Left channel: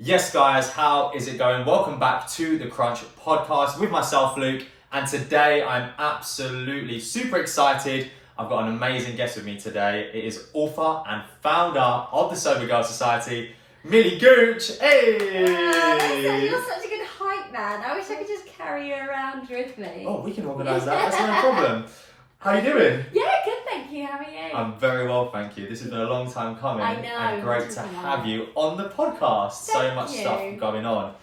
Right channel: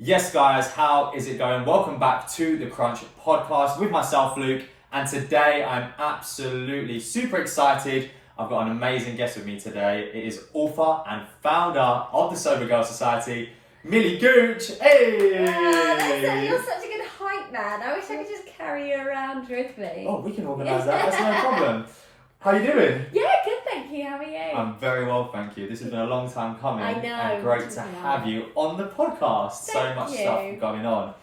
Yes, guys, how is it going? Welcome back to the Crunch podcast with myself, Luke, and today I'm absolutely super excited. I've got an amazing guest with me today. It is author and founder of the Cybergirl Society, Millie Gooch. Hey! You're such a good hype man. I wish I could just carry you around with me. Oh, we can organise that. That's no problem. How you doing? Yeah, good, thank you. How are you? I'm very well, thank you. This has been a long time coming. I know. And great to have you on the podcast. So much stuff going on.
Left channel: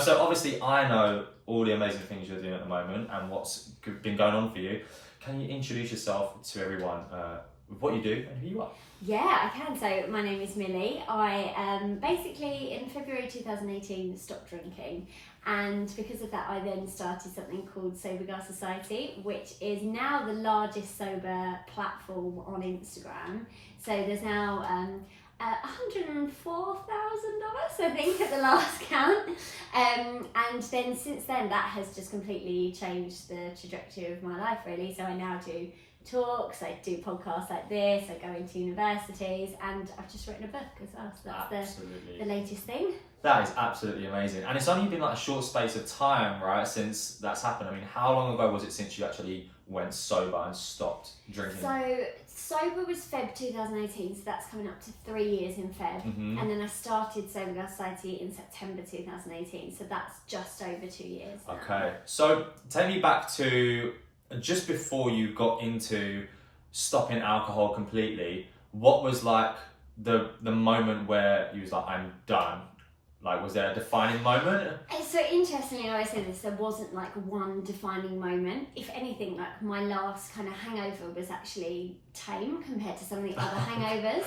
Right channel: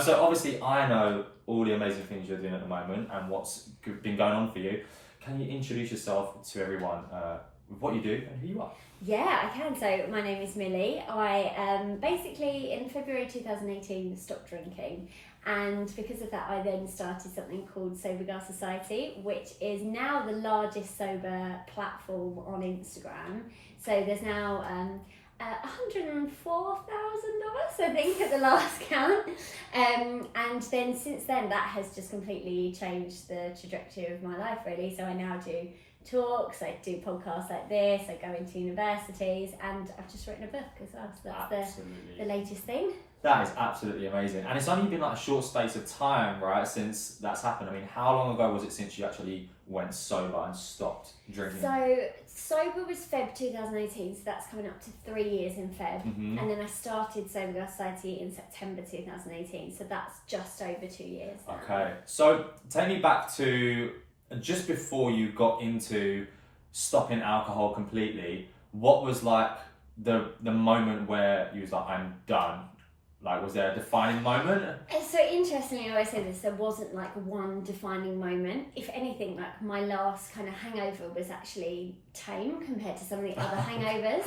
So obviously I know all the amazing things you're doing at the moment and what's been going on for you. Can you introduce yourself to everyone with what you do and who you are? Yeah, I can. So my name is Millie. I basically in February 2018 stopped drinking, and because of that I then started something called Cybergirl Society, which is now the largest sober platform on Instagram. So there's now 104,000 of us, I think, at the last count. And then since then that has just completely changed the trajectory of my life, really. So I now do talks, I do podcasts like this, I go into universities, and I've just written a book as well, so that's the latest thing. That is absolutely amazing. And it's only been like a short space of time, right, since that's happened. I mean, how long ago was it since you actually went sober and stopped drinking? So sober was Feb 2018, so that's coming up to 3 years in Feb. Mm-hmm. And then I started Cybergirl Society in September 2018, so that's just over 2 years now. Okay, so take me back to just before you got into stopping alcohol completely. What was like the moment where you was like, I'm done? Like, was there a defining moment? So interestingly, I always say this, there wasn't like one defining moment. If anything, like my last kind of hangover was actually tame compared to some of the other hangovers.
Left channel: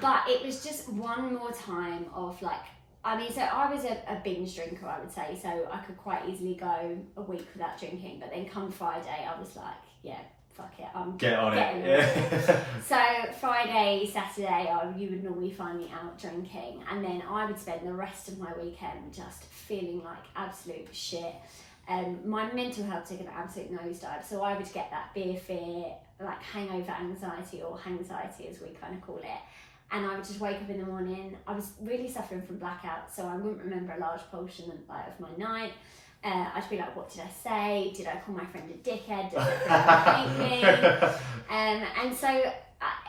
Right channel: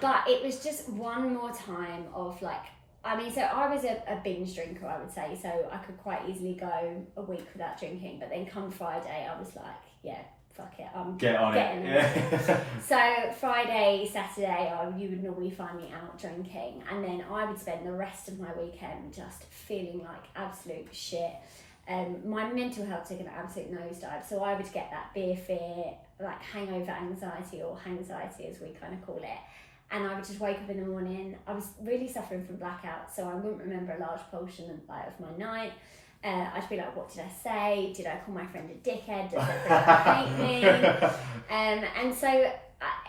But it was just one more time of like, I mean, so I was a binge drinker, I would say, so I could quite easily go a week without drinking, but then come Friday, I was like, yeah, fuck it, I'm getting it. Yeah. So Friday, Saturday, you would normally find me out drinking, and then I would spend the rest of my weekend just feeling like absolute shit. My mental health took an absolute nosedive, so I would get that beer fear, like hangover anxiety, or hangxiety as we kind of call it. And I would just wake up in the morning. I was really suffering from blackouts, so I wouldn't remember a large portion of my night. I'd be like, what did I say? Did I call my friend a dickhead? Does everyone hate me? And so,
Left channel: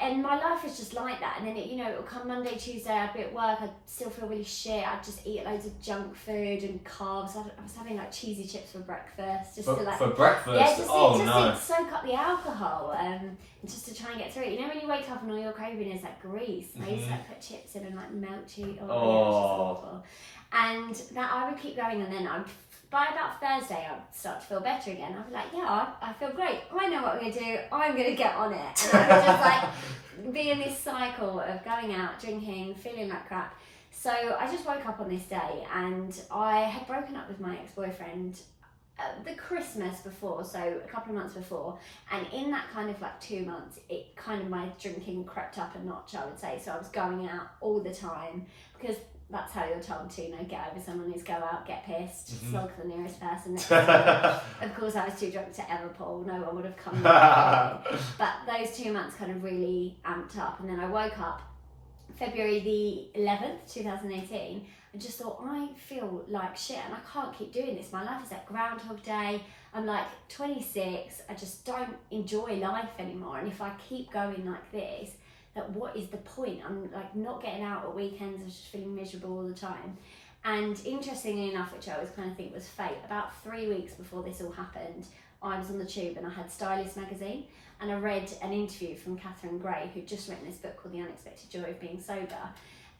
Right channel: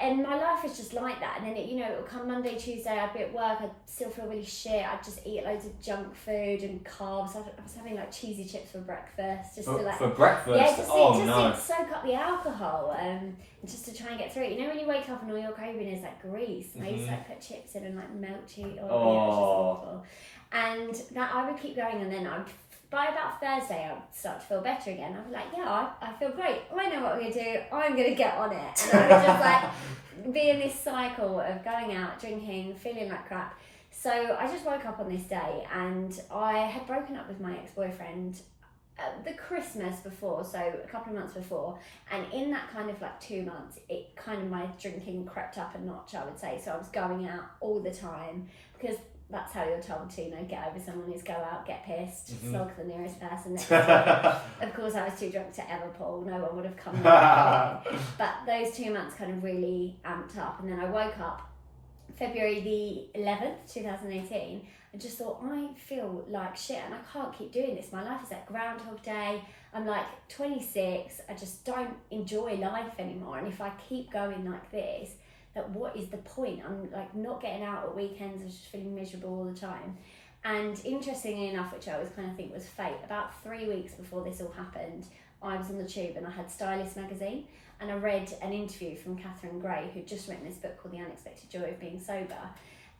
and my life was just like that. And then, it would come Monday, Tuesday, I'd be at work, I'd still feel really shit. I'd just eat loads of junk food and carbs. I was having like cheesy chips for breakfast. Just for breakfast? Yeah, to soak up the alcohol, and just to try and get through it. You know when you wake up and all you're craving is like grease? And I used to like put chips in and like melt cheese. Yeah, it was just awful. And that I would keep going, and then by about Thursday, I'd start to feel better again. I'd be like, yeah, I feel great. I know what I'm going to do. I'm going to get on it. And I would just like be in this cycle of going out, drinking, feeling like crap. So I just woke up on this day, and I had broken up with my ex-boyfriend the Christmas before, so a couple of months before. And in that kind of like 2 months, it kind of, my drinking crept up a notch, I would say. So I was going out all the time, because that's how you're told to, get over someone, is go out, get pissed, slog the nearest person next to me. Of course, I was too drunk to ever pull. No one would have come. But those 2 months kind of really amped up. And then I woke up February the 11th, 2018, and just thought, I feel like shit and I can't keep doing this. My life is like Groundhog Day. I'm like 26. I just don't enjoy life anymore. And if I keep going like this, that what is the point? I'm like not getting out at weekends. I was just feeling miserable all the time. And interestingly enough, which I always kind of think was fate, about 3 weeks before this all happened, I was on the tube and I had Stylist magazine, and I read an interview from Catherine Gray, who'd just written this book called The Unexpected Joy of Being Sober.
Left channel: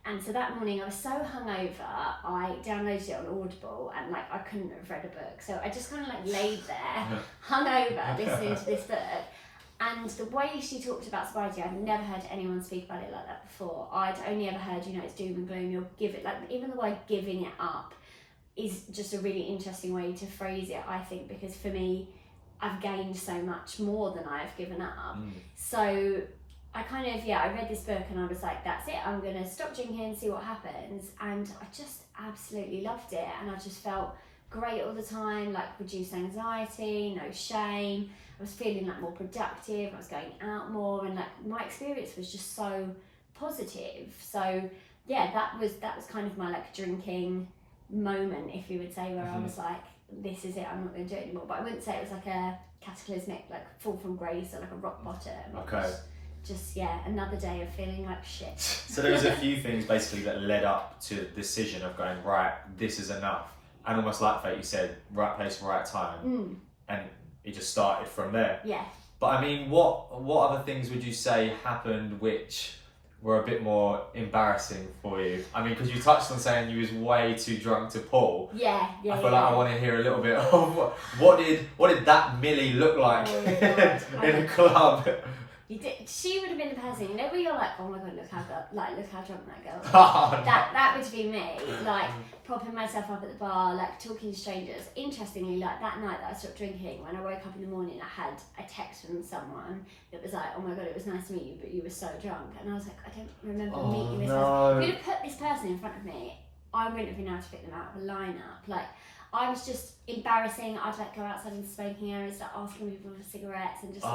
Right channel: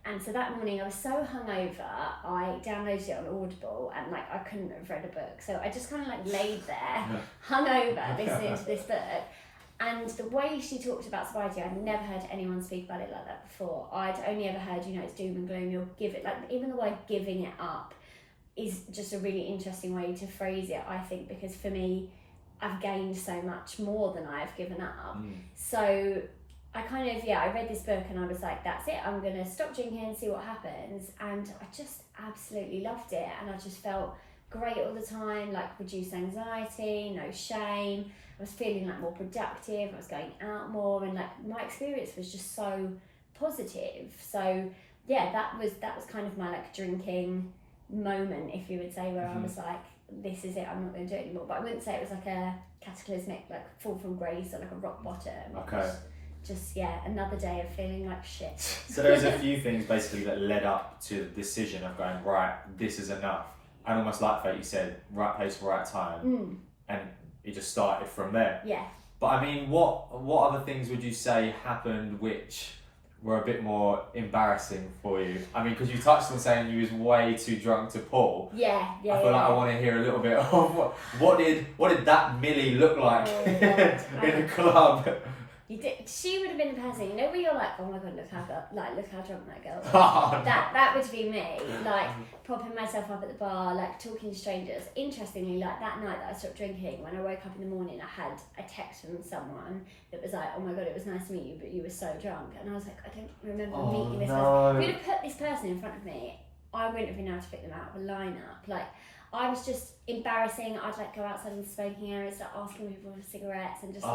And so that morning I was so hungover, I downloaded it on Audible, and like I couldn't have read a book. So I just kind of like laid there, hungover, listening to this book. And the way she talked about sobriety, I'd never heard anyone speak about it like that before. I'd only ever heard, it's doom and gloom, you'll give it, like even the word giving it up is just a really interesting way to phrase it, I think, because for me, I've gained so much more than I've given up. So I kind of, I read this book and I was like, that's it, I'm going to stop drinking and see what happens. And I just absolutely loved it. And I just felt great all the time, like reduced anxiety, no shame. I was feeling like more productive, I was going out more, and like my experience was just so positive. So yeah, that was kind of my like drinking moment, if you would say, where I was like, this is it, I'm not going to do it anymore. But I wouldn't say it was like a cataclysmic, like fall from grace or like a rock bottom. Okay. Just, yeah, another day of feeling like shit. So there was a few things basically that led up to the decision of going, right, this is enough. And almost like Fate, you said, right place, right time. And it just started from there. Yeah. But I mean, what other things would you say happened which were a bit more embarrassing for you? I mean, because you touched on saying you was way too drunk to pull. Yeah. I feel like I want to hear a little bit of what did that Millie look like in a club? You did. She would have been the person, you know, where you're like, oh my god, look how drunk that girl is. Oh, that would be me, like propping myself up at the bar, like talking to strangers. Interestingly, like that night that I stopped drinking, when I woke up in the morning, I had a text from someone that was like, oh my god, it was nice to meet you, but you were so drunk. And I was like, I don't remember meeting this person. If you'd have put this person in front of me, I wouldn't have been able to pick them out of a lineup. Like, I was just embarrassing. I'd like go outside in the smoking area, start asking people for cigarettes, and just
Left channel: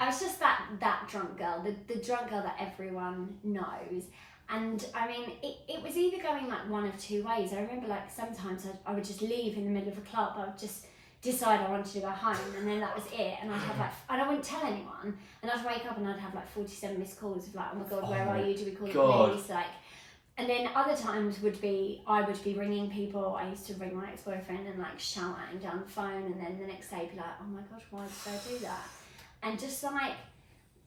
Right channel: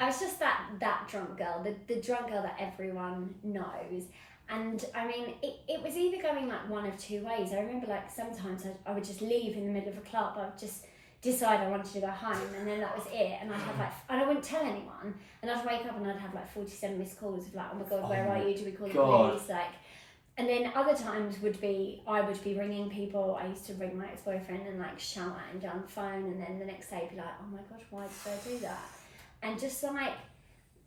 I was just that drunk girl, the drunk girl that everyone knows. And I mean, it was either going like one of two ways. I remember like sometimes I would just leave in the middle of a club. I would just decide I wanted to go home, and then that was it. And I'd have like, and I wouldn't tell anyone. And I'd wake up and I'd have like 47 missed calls of like, oh my god, where are you? Do we call the police? Like. And then other times I would be ringing people. I used to ring my ex-boyfriend and like shout at him down the phone, and then the next day be like, oh my gosh, why did I do that? And just like,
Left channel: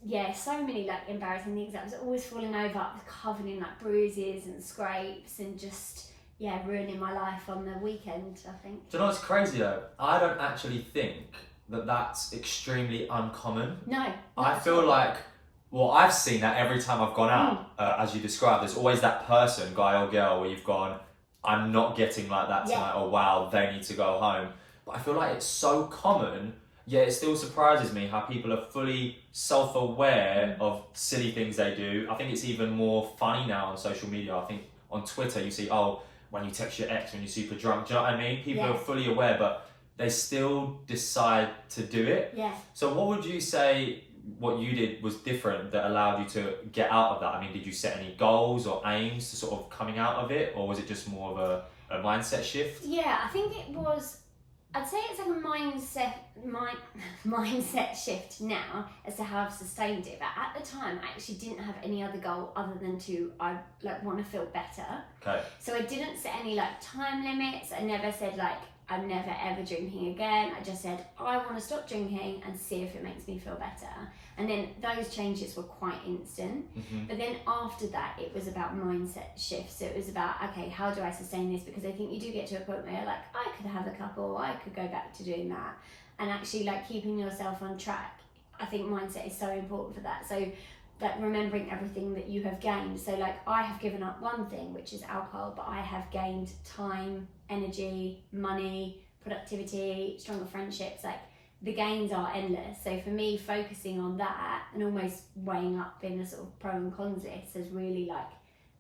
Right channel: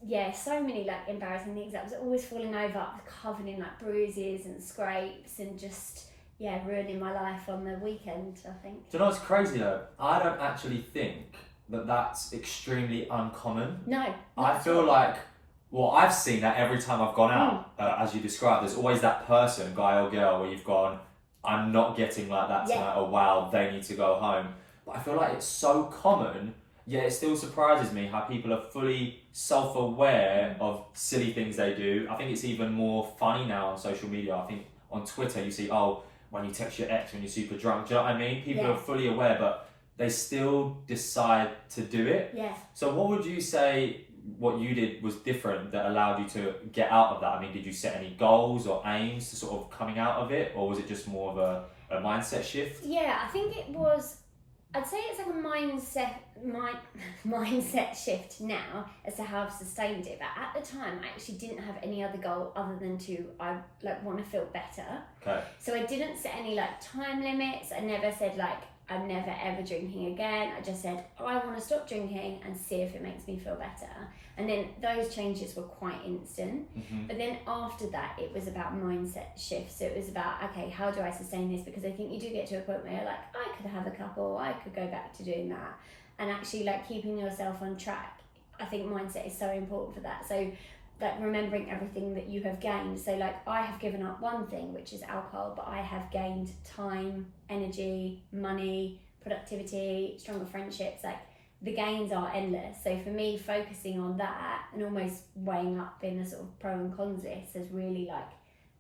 yeah, so many like embarrassing things. I was always falling over, covered in like bruises and scrapes, and just, yeah, ruining my life on the weekend, I think. Do you know what's crazy though? I don't actually think that that's extremely uncommon. No. I feel like, well, I've seen that every time I've gone out, as you described. There's always that person, guy or girl, where you've gone, I'm not getting like that tonight, or wow, they need to go home. But I feel like it's so common, yet it still surprises me how people are fully self-aware of silly things they do. I think it's even more funny now on social media. I think on Twitter you see, oh, when you text your ex when you're super drunk, do you know what I mean? People are fully aware, but they still decide to do it. Yeah. So what would you say what you did was different that allowed you to get out of that? I mean, did you set any goals or aims to sort of coming out of it, or was it just more of a mindset shift? Yeah, I think it was, I'd say it's like a mindset shift now as to how I've sustained it. But at the time, I actually didn't have any other goal other than I want to feel better. Okay. So I didn't set any like time limits. I never said like, I'm never ever drinking again. I just said, I want to stop drinking and see if it makes me feel better. And then those changes were quite instant. But then after that, it was about mindset shifts. So it was about, okay, how do I sustain this? Because I think you do get to a point where you're like, I could have a couple, I could go back to doing that. And actually like keeping yourself on track. I think mindset is so important for that. So like remembering everything that you have gained. So like I have given up one thing, which is alcohol, but I have gained time, energy, money, productivity, stronger friendships. Like the gains are endless. So for me, focusing on that and almost weighing up in a sort of pro and cons list has really like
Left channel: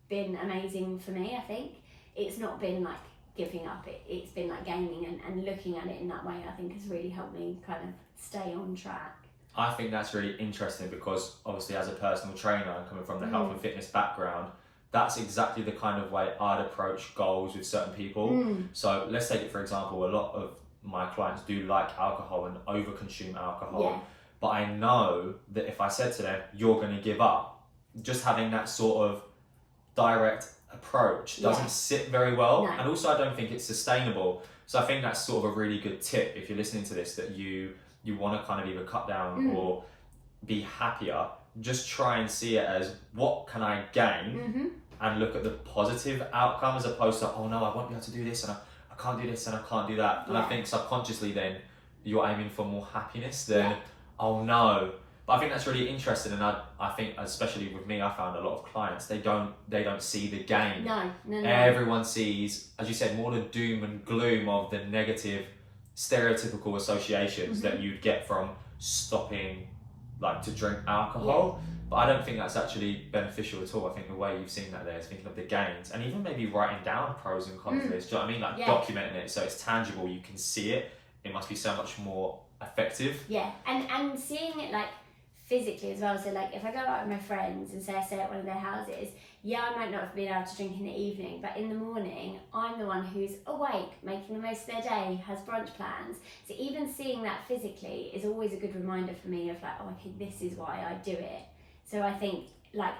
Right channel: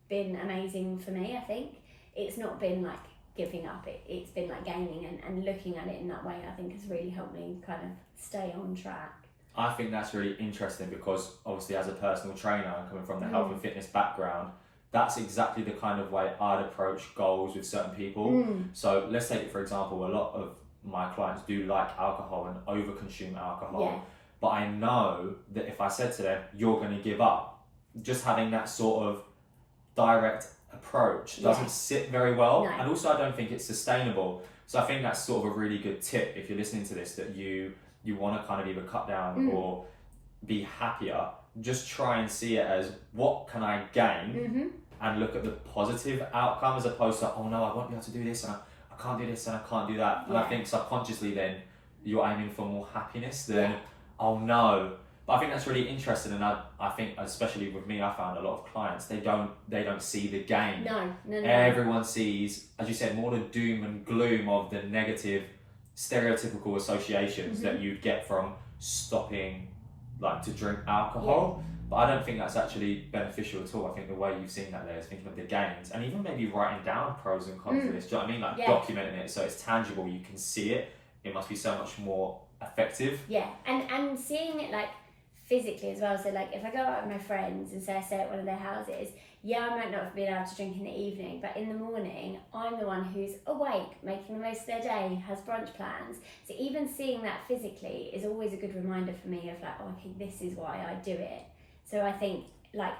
been amazing for me. I think it's not been like giving up, it's been like gaining and looking at it in that way, I think has really helped me kind of stay on track. I think that's really interesting because obviously as a personal trainer, coming from the health and fitness background, that's exactly the kind of way I'd approach goals with certain people. So let's take it for example, a lot of my clients do like alcohol and overconsume alcohol. But I know that if I said to them, you're going to give up, just having that sort of direct approach doesn't sit very well. No. And also I don't think it's sustainable. So I think that's sort of a really good tip if you're listening to this, that you want to kind of either cut down or be happier, just try and see it as what can I gain and look at the positive outcome as opposed to, oh no, I won't be able to do this and I can't do this and I can't do that. And I think subconsciously then you're aiming for more happiness than, oh no. But I think that's really interesting, and I think especially with me, I found a lot of clients, they don't see the gain. No. Everyone sees, as you said, more the doom and gloom of the negative stereotypical associations that you'd get from stopping like to drink alcohol. But I don't think that's actually beneficial at all. I think the way you've seen that there is thinking of the gains and even maybe writing down pros and cons of this. Do you know what I mean? Like documenting it so it's tangible, you can see it. It must be so much more effective. Yeah, and seeing it like physically as well. So like if I go out with my friends and say I stay at one of their houses, yeah, I might not have been able to drink in the evening, but in the morning, I'm the one who's awake, making the most of their day, has brunch plans. So even seeing that physically is always a good reminder for me of like, oh, okay, this is why I do it. So I think, like,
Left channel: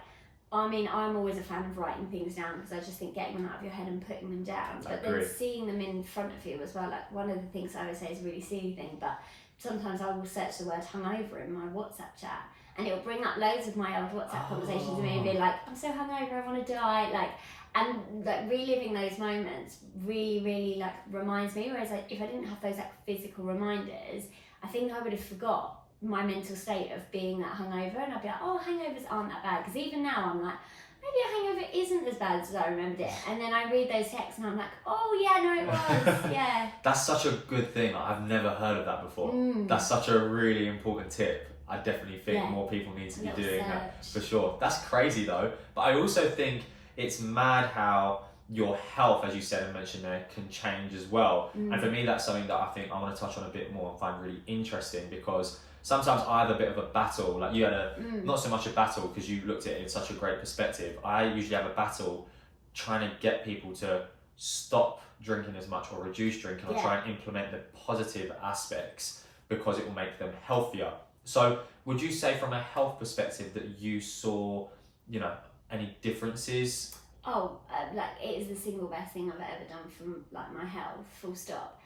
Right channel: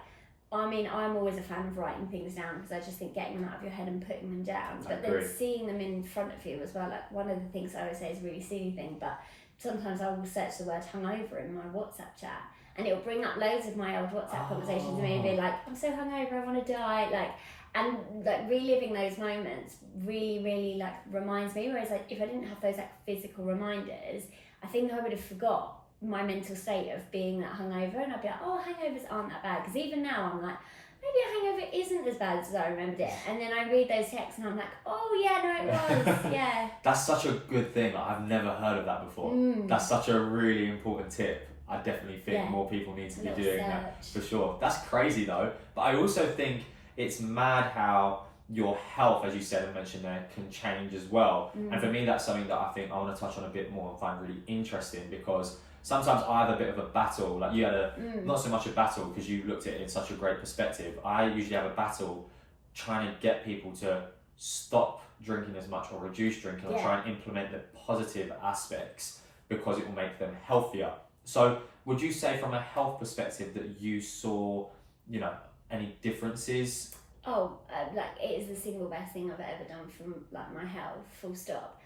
I mean, I'm always a fan of writing things down because I just think getting them out of your head and putting them down, but then seeing them in front of you as well. Like, one of the things I always say is a really silly thing, but sometimes I will search the word hungover in my WhatsApp chat, and it'll bring up loads of my old WhatsApp conversations to me and be like, I'm so hungover, I want to die, like, and like reliving those moments really, really like reminds me. Whereas like if I didn't have those like physical reminders, I think I would have forgot my mental state of being that hungover, and I'd be like, oh, hangovers aren't that bad, because even now I'm like, maybe a hangover isn't as bad as I remembered it, and then I read those texts and I'm like, oh yeah, no, it was. Yeah, that's such a good thing. I've never heard of that before. That's such a really important tip. I definitely think more people need to be doing that, for sure. That's crazy though, but I also think it's mad how your health, as you said and mentioned there, can change as well. And for me, that's something that I think I want to touch on a bit more and find really interesting, because sometimes I have a bit of a battle. Like you had not so much a battle because you looked at it in such a great perspective. I usually have a battle trying to get people to stop drinking as much or reduce drinking, or try and implement the positive aspects because it will make them healthier. So would you say from a health perspective that you saw, you know, any differences? Oh, like it is the single best thing I've ever done from like my health, full stop.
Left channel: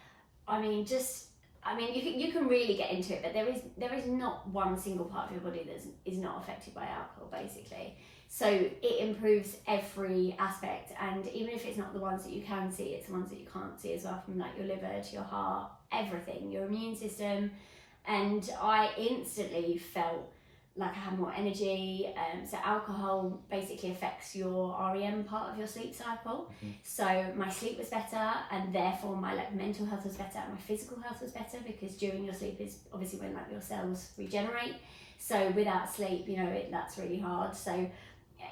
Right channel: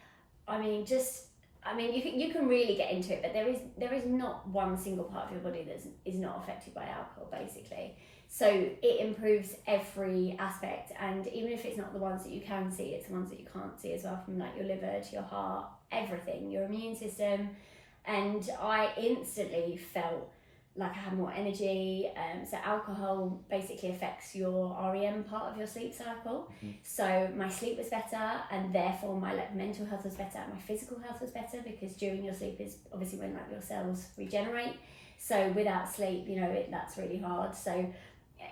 I mean, you can really get into it, but there is not one single part of your body that is not affected by alcohol, basically. So it improves every aspect, and even if it's not the ones that you can see, it's the ones that you can't see as well, from like your liver to your heart, everything, your immune system. And I instantly felt like I had more energy. So alcohol basically affects your REM part of your sleep cycle. So my sleep was better, and therefore my like mental health was better, and my physical health was better, because during your sleep is obviously when like your cells regenerate. So without sleep, you know, that's really hard. So,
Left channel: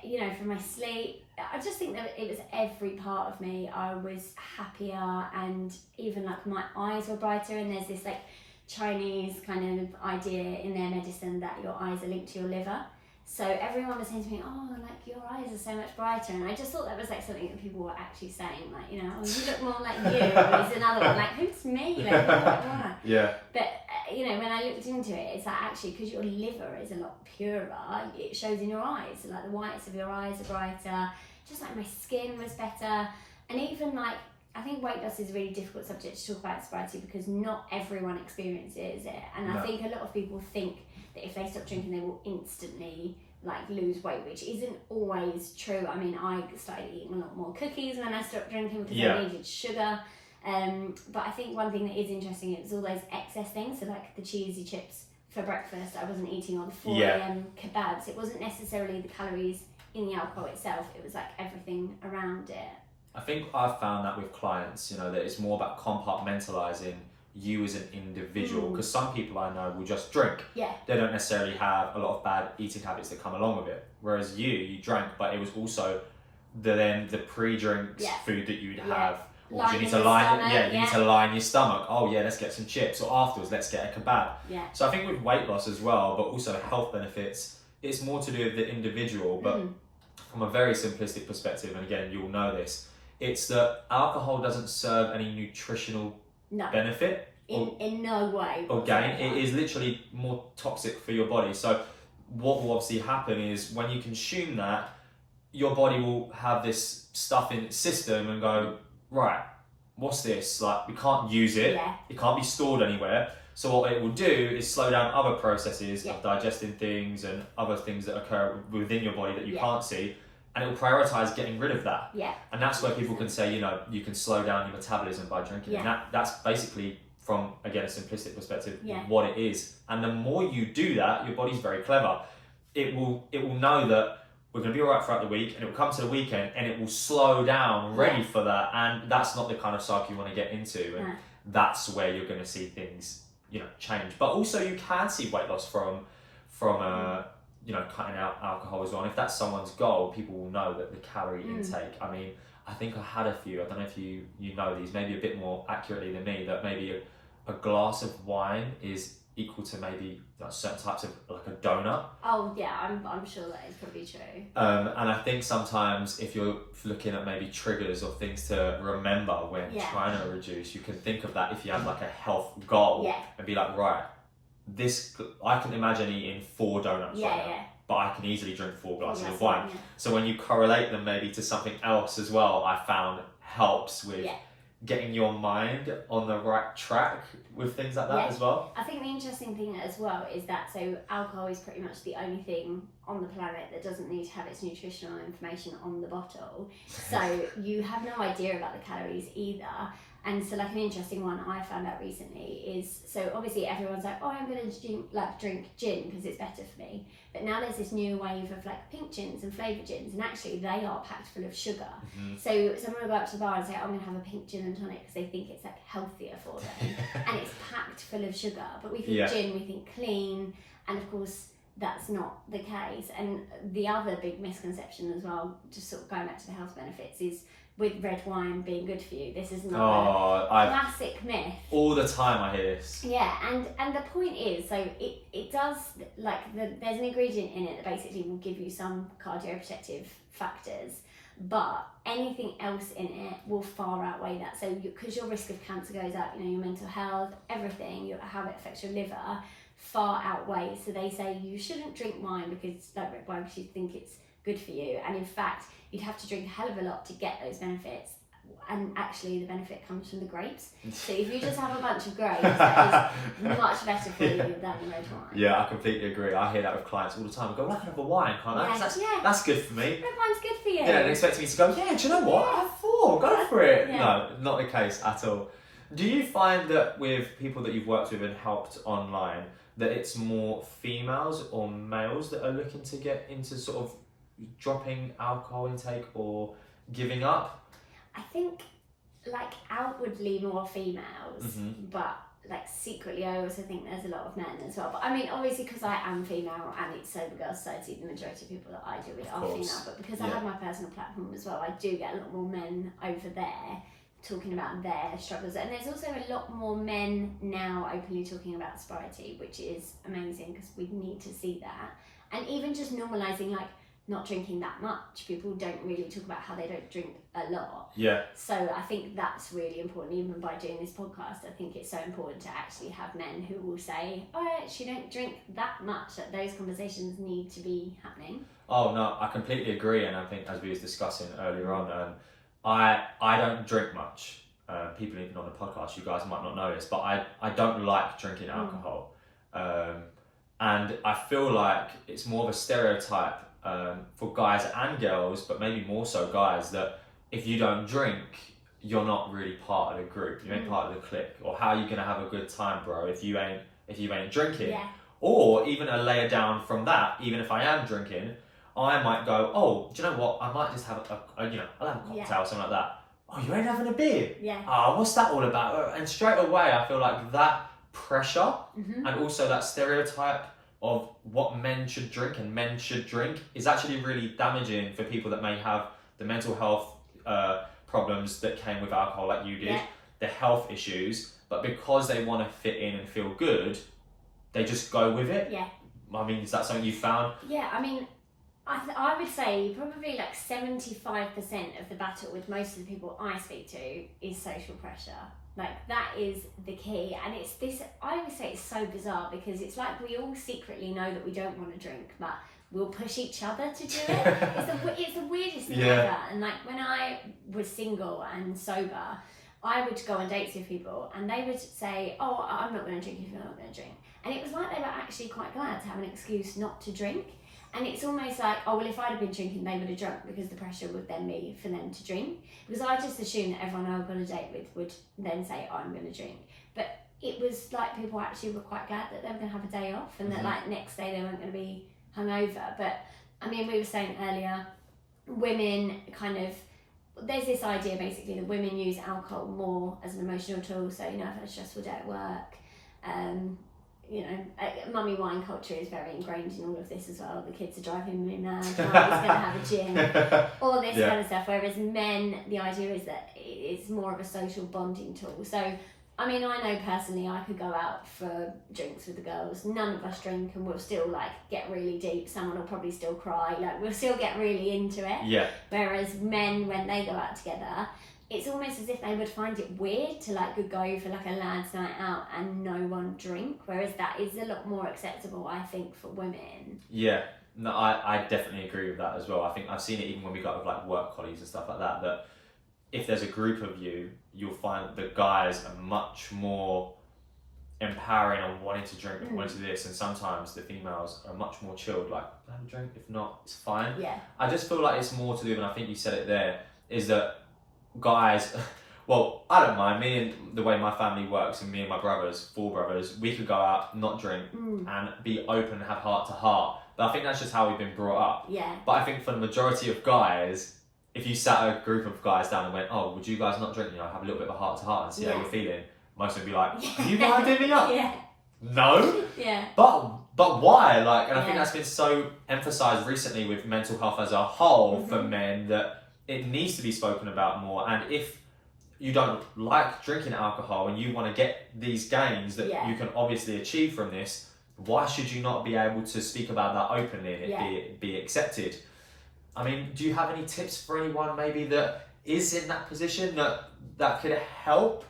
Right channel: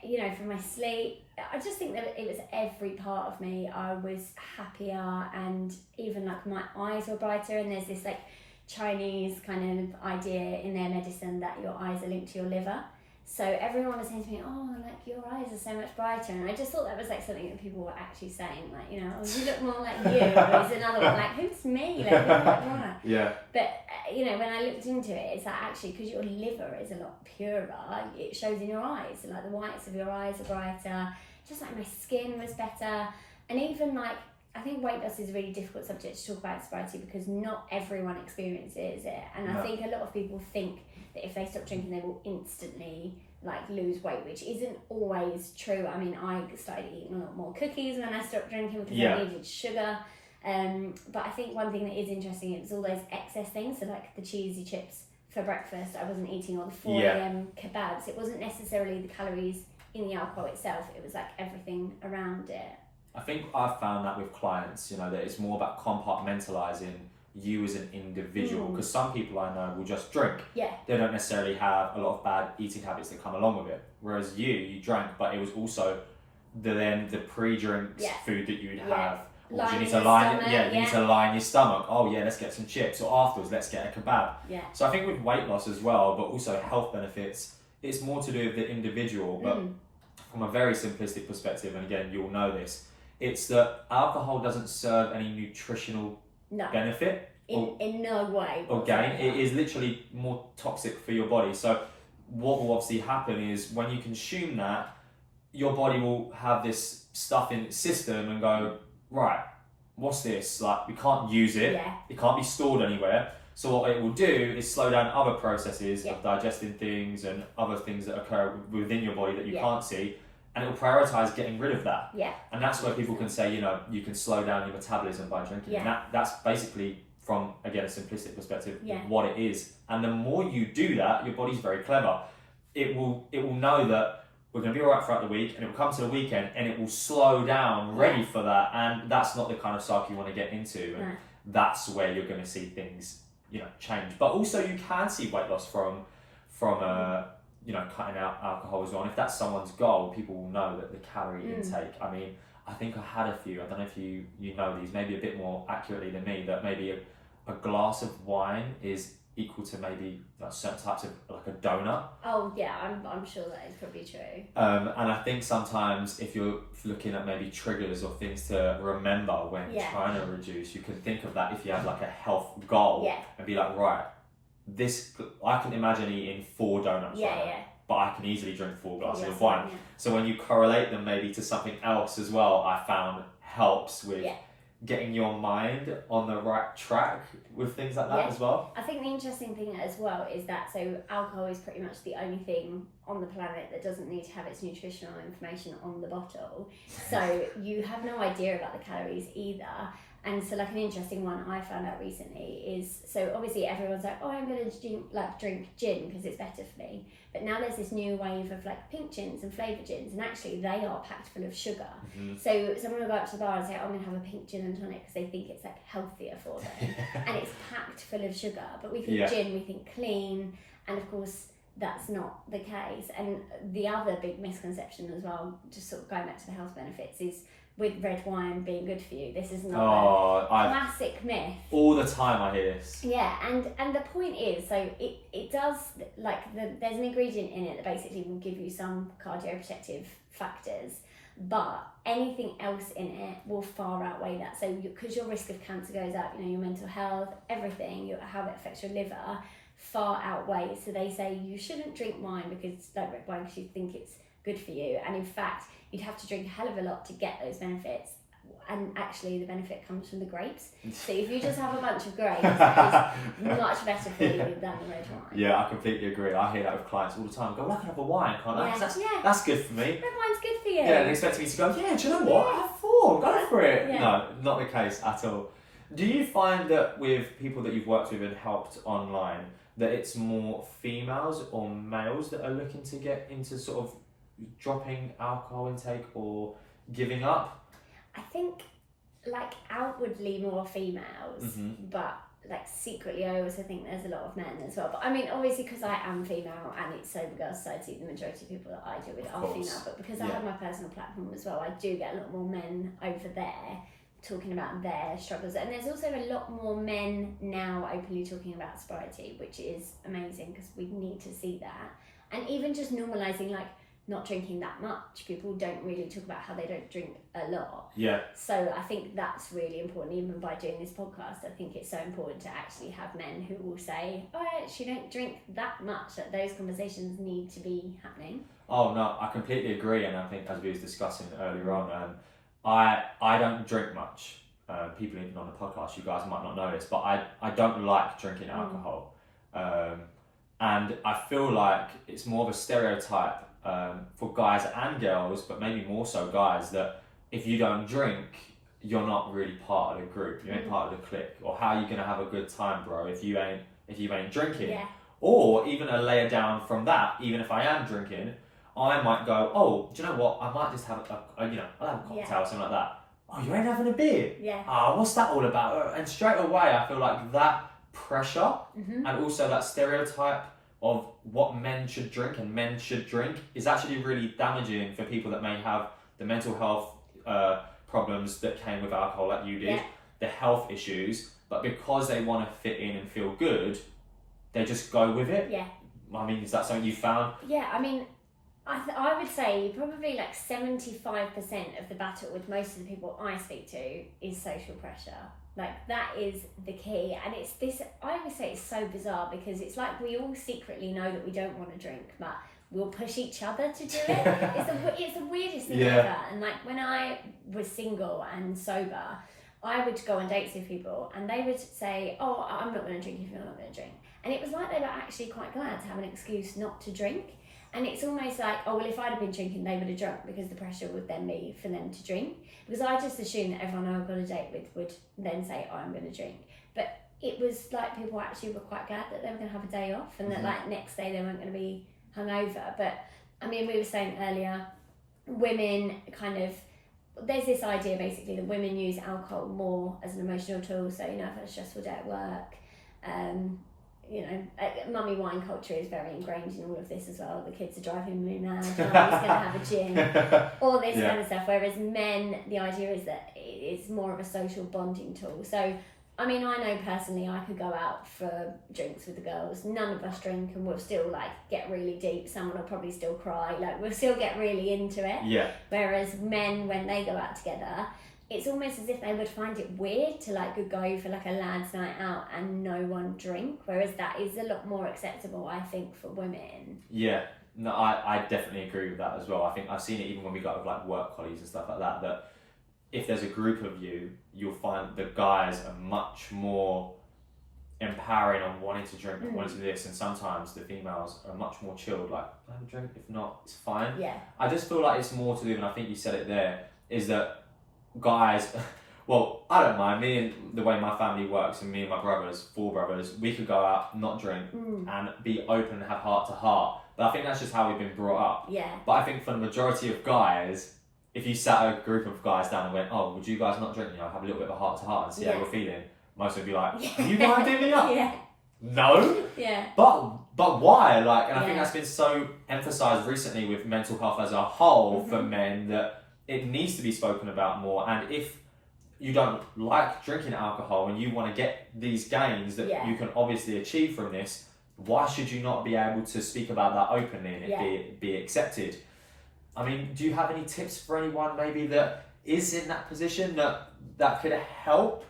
you know, for my sleep, I just think that it was every part of me. I was happier, and even like my eyes were brighter. And there's this like Chinese kind of idea in their medicine that your eyes are linked to your liver. So everyone was saying to me, oh, like your eyes are so much brighter. And I just thought that was like something that people were actually saying, like, you know, oh, you look more like you. Or is another one like, who's me? Like, who look more like? Yeah. But you know, when I looked into it, it's like actually because your liver is a lot purer, it shows in your eyes. So like the whites of your eyes are brighter. Just like my skin was better, and even like, I think weight loss is a really difficult subject to talk about in sobriety, because not everyone experiences it. And I think a lot of people think that if they stop drinking, they will instantly like lose weight, which isn't always true. I mean, I started eating a lot more cookies when I stopped drinking because I needed sugar. But I think one thing that is interesting is all those excess things. So like the cheesy chips for breakfast, I wasn't eating, or the 4 a.m. kebabs. It wasn't necessarily the calories in the alcohol itself. It was like everything around it. I think I've found that with clients, you know, that it's more about compartmentalising you as an individual, because some people I know will just drink. Yeah. They don't necessarily have a lot of bad eating habits that come along with it. Whereas you drank, but it was also the pre-drinks food that you'd have. Or you need to line your stomach. Oh yeah, let's get some chips. Or afterwards, let's get a kebab. Yeah. So I think with weight loss as well, but also health benefits, it's more to do with the individual. But from a very simplistic perspective, and again, you'll know this, it's that alcohol doesn't serve any nutritional benefit in no way or gain. It is literally more toxic for your body. So what will obviously happen is when you consume that, your body will have this stuff in its system and go, right, what's this? Like, we can't use it. It can't be stored anywhere. So what it will do is slow down other processes of digesting things and other things that occur within your body that you can't see. And it will prioritise getting rid of that. And that's where people can say, you know, you can slow down your metabolism by drinking. And that's basically, from, again, a simplistic perspective, what it is. And the more you do that, your body's very clever. It will know that we're going to be all right throughout the week, and it will come to the weekend and it will slow down ready for that. And that's not the kind of cycle you want to get into. And that's where you're going to see things, you know, change. But also you can see weight loss from you know, cutting out alcohol as well. And if that's someone's goal, people will know that the calorie intake, I mean, I think I had a few, I don't know if you know these, maybe a bit more accurately than me, that maybe a glass of wine is equal to maybe like certain types of like a donut. Oh yeah, I'm sure that is probably true. And I think sometimes if you're looking at maybe triggers or things to remember when trying to reduce, you can think of that if you have like a health goal and be like, right, this, I can imagine eating 4 donuts right now, but I can easily drink 4 glasses of wine. So when you correlate them maybe to something else as well, I found helps with getting your mind on the right track with things like that as well. I think the interesting thing as well is that alcohol is pretty much the only thing on the planet that doesn't need to have its nutritional information on the bottle. So you have no idea about the calories either. And so like an interesting one I found out recently is, so obviously everyone's like, oh, I'm going to drink gin because it's better for me. But now there's this new wave of like pink gins and flavoured gins, and actually they are packed full of sugar. So someone will go up to the bar and say, I'm going to have a pink gin and tonic because they think it's like healthier for them. And it's packed full of sugar. But we think gin, we think clean. And of course, that's not the case. And the other big misconception as well, just sort of going back to the health benefits, is with red wine being good for you. This is not a classic myth. All the time I hear this. Yeah, and the point is, so it does, like, there's an ingredient in it that basically will give you some cardioprotective factors, but anything else in it will far outweigh that. So because your risk of cancer goes up, you know, your mental health, everything, how it affects your liver, far outweighs. So they say you shouldn't drink wine because, like red wine, because you think it's good for you. And in fact, you'd have to drink a hell of a lot to get those benefits. And actually, the benefit comes from the grapes. So if you just have a bunch of grapes, that is much better for you than the red wine. Yeah, I completely agree. I hear that with clients all the time. I go, well, I can have a wine, can't I? That's good for me. Red wine's good for you. Yeah, and expecting me to go, yeah, do you know what? I have 4, go for it. No, not the case at all. Do you find that with people that you've worked with and helped online, that it's more females or males that are looking to get into sort of dropping alcohol intake or giving up? I think like outwardly more females, but like secretly I also think there's a lot of men as well. But I mean, obviously because I am female and it's Sobergirl Society, the majority of people that I deal with are female, but because I have my personal platform as well, I do get a lot more men over there talking about their struggles. And there's also a lot more men now openly talking about sobriety, which is amazing because we need to see that. And even just normalising like not drinking that much. People don't really talk about how they don't drink a lot. Yeah. So I think that's really important. Even by doing this podcast, I think it's so important to actually have men who will say, oh, I actually don't drink that much, that those conversations need to be happening. Oh, no, I completely agree. And I think as we was discussing earlier on, I don't drink much. People even on the podcast, you guys might not know this, but I don't like drinking alcohol. And I feel like it's more of a stereotype for guys and girls, but maybe more so guys, that if you don't drink, you're not really part of the group. You ain't part of the clique. Or how are you gonna have a good time, bro, if you ain't drinking? Yeah. Or even a layer down from that, even if I am drinking, I might go, oh, do you know what? I might just have I'll have a cocktail or something like that. Oh, you ain't having a beer? Yeah. What's that all about? And straight away, I feel like that pressure and also that stereotype of what men should drink and men should drink is actually really damaging for people that may have the mental health problems that came with alcohol like you did, the health issues, but because they want to fit in and feel good, they just go with it. Yeah. I mean, is that something you found? Yeah, I mean, I would say probably like 75% of the battle with most of the people I speak to is social pressure. Like, that is the key. And it's this, I would say it's so bizarre because it's like we all secretly know that we don't want to drink, but we'll push each other to do it. It's the weirdest thing ever. And like when I was single and sober, I would go on dates with people and they would say, oh, I'm not going to drink if you're not going to drink. And it was like they were actually quite glad to have an excuse not to drink. And it's almost like, oh, well, if I'd have been drinking, they would have drunk because the pressure would then be for them to drink. Because I just assumed that everyone I got a date with would then say, oh, I'm going to drink. But it was like people actually were quite glad that they were going to have a day off and that like next day they weren't going to be hungover. But I mean, we were saying earlier, women kind of, there's this idea basically that women use alcohol more as an emotional tool. So, you know, I've had a stressful day at work. You know, mummy wine culture is very ingrained in all of this as well. The kids are driving me mad. Mommy's going to have a gin. All this kind of stuff. Whereas men, the idea is that it's more of a social bonding tool. So I mean, I know personally I could go out for drinks with the girls. None of us drink and we'll still like get really deep. Someone will probably still cry. Like we'll still get really into it. Yeah. Whereas men, when they go out together, it's almost as if they would find it weird to like go for like a lads' night out and no one drink. Whereas that is a lot more acceptable, I think, for women. Yeah. No, I definitely agree with that as well. I think I've seen it even when we got with like work colleagues and stuff like that, that if there's a group of you, you'll find the guys are much more empowering on wanting to drink and wanting to do this, and sometimes the females are much more chilled, like, I have a drink, if not, it's fine. Yeah. I just feel like it's more to do, and I think you said it there, is that guys, well, I don't mind, me and the way my family works, and me and my brothers, 4 brothers, we could go out, not drink, and be open and have heart to heart. But I think that's just how we've been brought up. Yeah. But I think for the majority of guys, if you sat a group of guys down and went, oh, would you guys not drink, have a little bit of a heart to heart and see how you're feeling, most would be like, you minding me up? Yeah. No. Yeah. But why? Like, and I think that's been so emphasised recently with mental health as a whole for men, that it needs to be spoken about more. And if you don't like drinking alcohol and you want to get these gains that you can obviously achieve from this, why should you not be able to speak about that openly and it be accepted? I mean, do you have any tips for anyone maybe that is in that position that could help?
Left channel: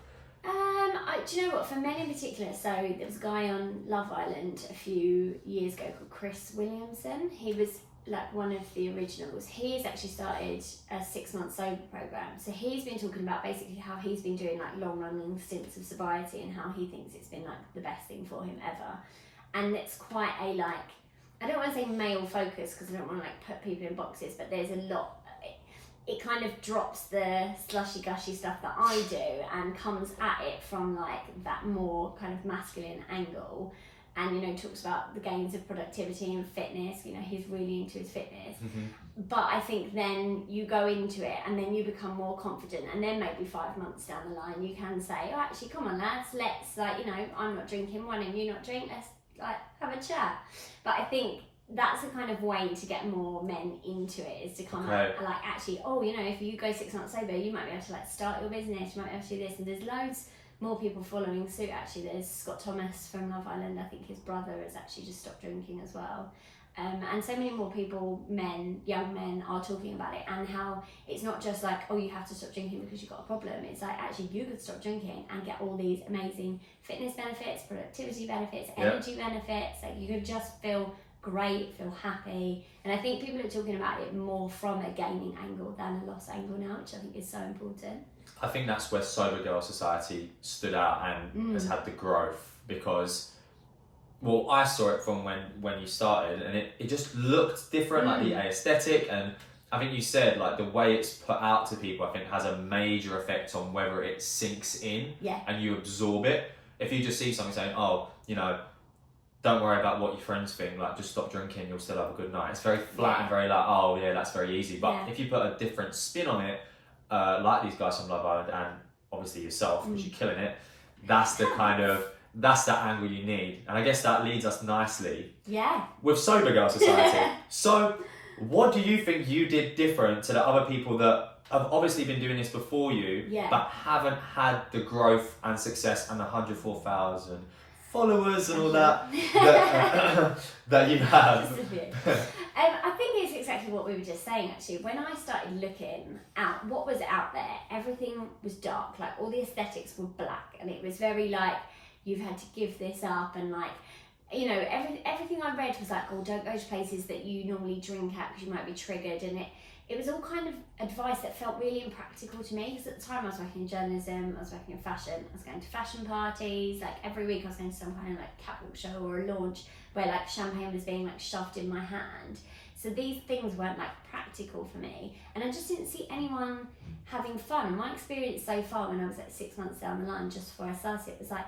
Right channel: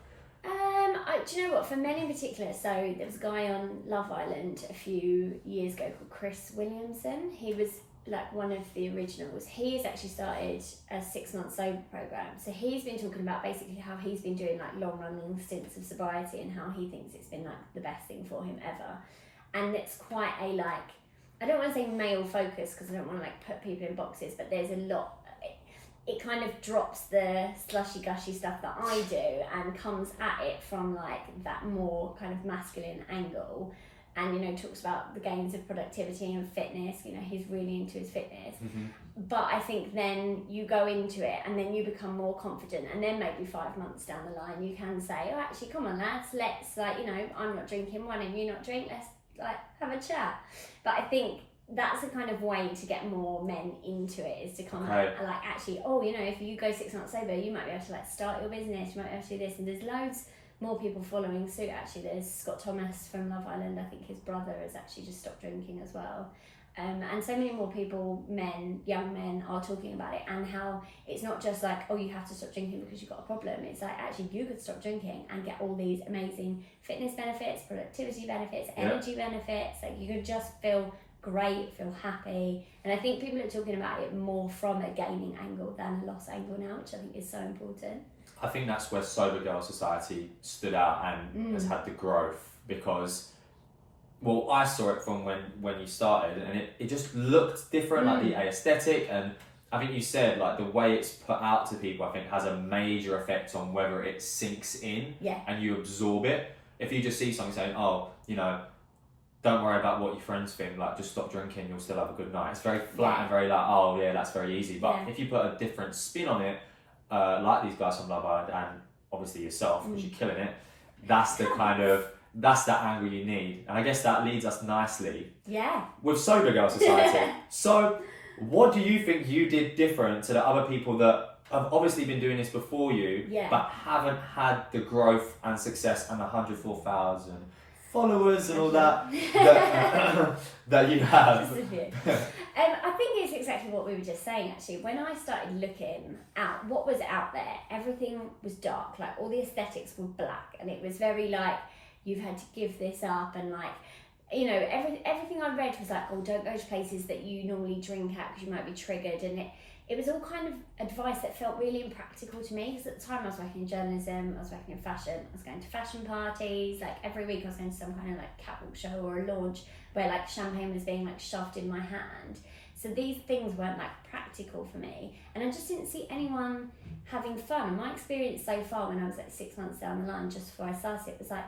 Do you know what? For men in particular, so there was a guy on Love Island a few years ago called Chris Williamson. He was like one of the originals. He has actually started a 6-month sober program. So he's been talking about basically how he's been doing like long running stints of sobriety and how he thinks it's been like the best thing for him ever. And it's quite a like, I don't want to say male focus because I don't want to like put people in boxes, but there's a lot. It kind of drops the slushy gushy stuff that I do and comes at it from like that more kind of masculine angle, and talks about the gains of productivity and fitness. He's really into his fitness. But I think then you go into it and then you become more confident, and then maybe 5 months down the line you can say, oh, actually, come on lads, let's I'm not drinking, why don't you not drink, let's have a chat. But I think that's a kind of way to get more men into it, is to come out and actually, if you go 6 months sober, you might be able to start your business, you might be able to do this, and there's loads more people following suit. Actually, there's Scott Thomas from Love Island, I think his brother has actually just stopped drinking as well. And so many more people, young men, are talking about it, and how it's not just like, oh, you have to stop drinking because you've got a problem. It's like, actually, you could stop drinking and get all these amazing fitness benefits, productivity benefits, energy benefits. Like, you could just feel great, feel happy. And I think people are talking about it more from a gaining angle than a loss angle now, which I think is so important. I think that's where Cybergirl Society stood out and has had the growth, because, well, I saw it from when you started, and it just looked different, like the aesthetic, and I think you said like the way it's put out to people, I think has a major effect on whether it sinks in and you absorb it. If you just see something saying, oh, don't worry about what your friends think, like just stop drinking, you'll still have a good night. It's very flat and very like, oh yeah, that's very easy. But if you put a different spin on it, like these guys from Love Island and obviously yourself, because you're killing it, that's the kind of, that's the angle you need. And I guess that leads us nicely with Sobergirl Society. So what do you think you did different to the other people that have obviously been doing this before you, but haven't had the growth and success and the 104,000 followers and all that that you have? I think it's exactly what we were just saying, actually. When I started looking at what was out there, everything was dark. Like, all the aesthetics were black, and it was very like, you've had to give this up, and like, everything I read was like, oh, don't go to places that you normally drink at because you might be triggered. And it was all kind of advice that felt really impractical to me, because at the time I was working in journalism, I was working in fashion, I was going to fashion parties, like every week I was going to some kind of like catwalk show or a launch where like champagne was being like shoved in my hand. So these things weren't like practical for me, and I just didn't see anyone having fun. And my experience so far, when I was like 6 months down the line, just before I started, was like,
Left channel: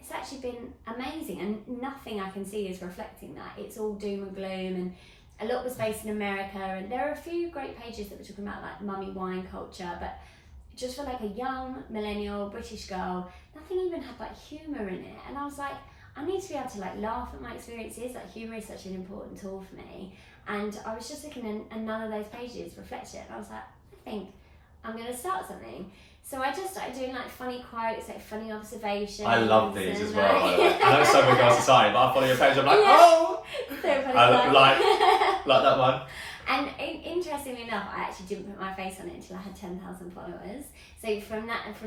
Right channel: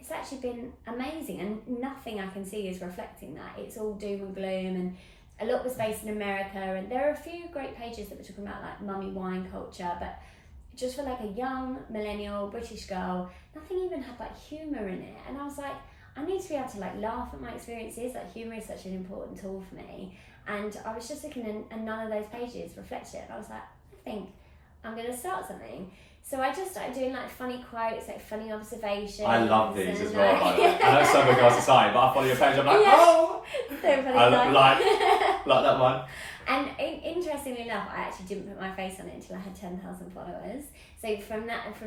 it's actually been amazing, and nothing I can see is reflecting that. It's all doom and gloom, and a lot was based in America, and there are a few great pages that were talking about like mummy wine culture, but just for like a young millennial British girl, nothing even had like humour in it. And I was like, I need to be able to like laugh at my experiences. Like, humour is such an important tool for me. And I was just looking, and none of those pages reflected it. And I was like, I think I'm going to start something. So I just started doing like funny quotes, like funny observations. I love these as and, well, by the way. I know Cybergirl Society, but I follow your page, I'm like, Yeah. oh! So funny. Like that one. And interestingly enough, I actually didn't put my face on it until I had 10,000 followers. So from up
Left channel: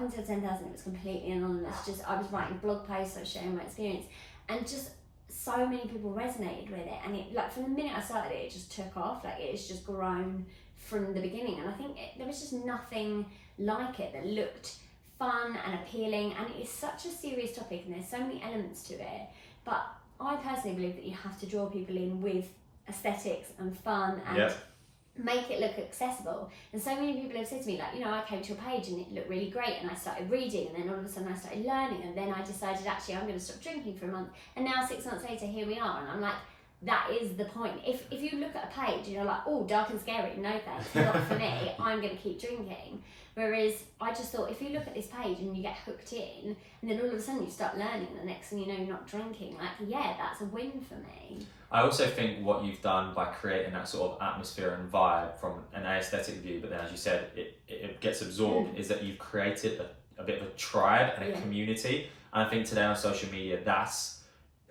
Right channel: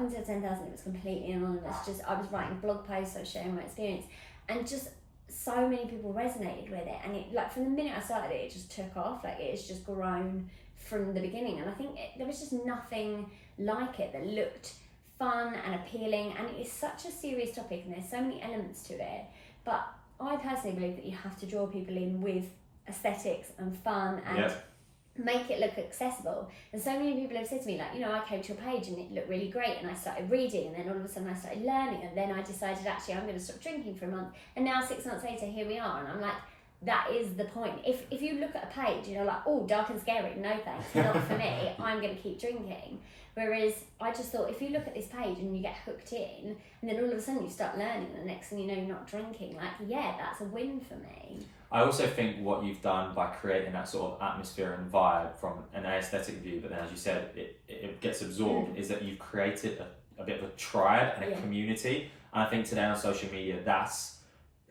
until 10,000, it was completely anonymous. Just I was writing blog posts, I was sharing my experience, and just so many people resonated with it. And it, like from the minute I started it, it just took off. Like it's just grown from the beginning. And I think there was just nothing like it that looked fun and appealing. And it is such a serious topic, and there's so many elements to it. But I personally believe that you have to draw people in with aesthetics and fun and make it look accessible. And so many people have said to me, like, you know, I came to your page and it looked really great, and I started reading, and then all of a sudden I started learning, and then I decided actually I'm going to stop drinking for a month, and now 6 months later here we are. And I'm like, that is the point. If you look at a page and you're like, oh, dark and scary, no thanks, not for me, I'm going to keep drinking. Whereas I just thought, if you look at this page and you get hooked in, and then all of a sudden you start learning, and the next thing you know you're not drinking, like, yeah, that's a win for me. I also think what you've done by creating that sort of atmosphere and vibe from an aesthetic view, but then as you said, it gets absorbed, is that you've created a bit of a tribe and a community. And I think today on social media, that's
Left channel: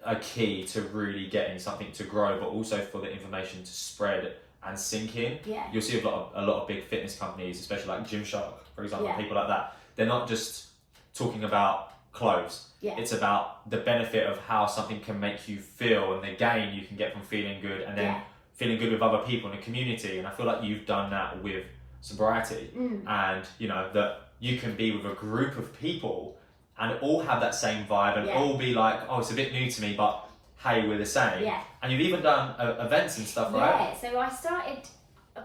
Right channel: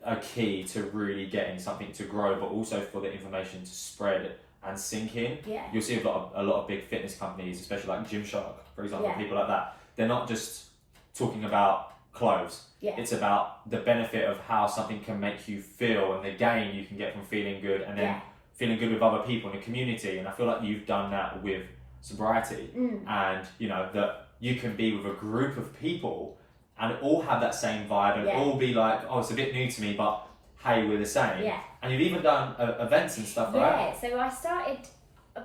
a key to really getting something to grow, but also for the information to spread and sink in. Yeah. You'll see a lot of big fitness companies, especially like Gymshark, for example, people like that. They're not just talking about clothes. It's about the benefit of how something can make you feel, and the gain you can get from feeling good, and then feeling good with other people in the community. And I feel like you've done that with Sobriety, and you know that you can be with a group of people and all have that same vibe, and all be like, oh, it's a bit new to me, but hey, we're the same. And you've even done events and stuff, right? So I started,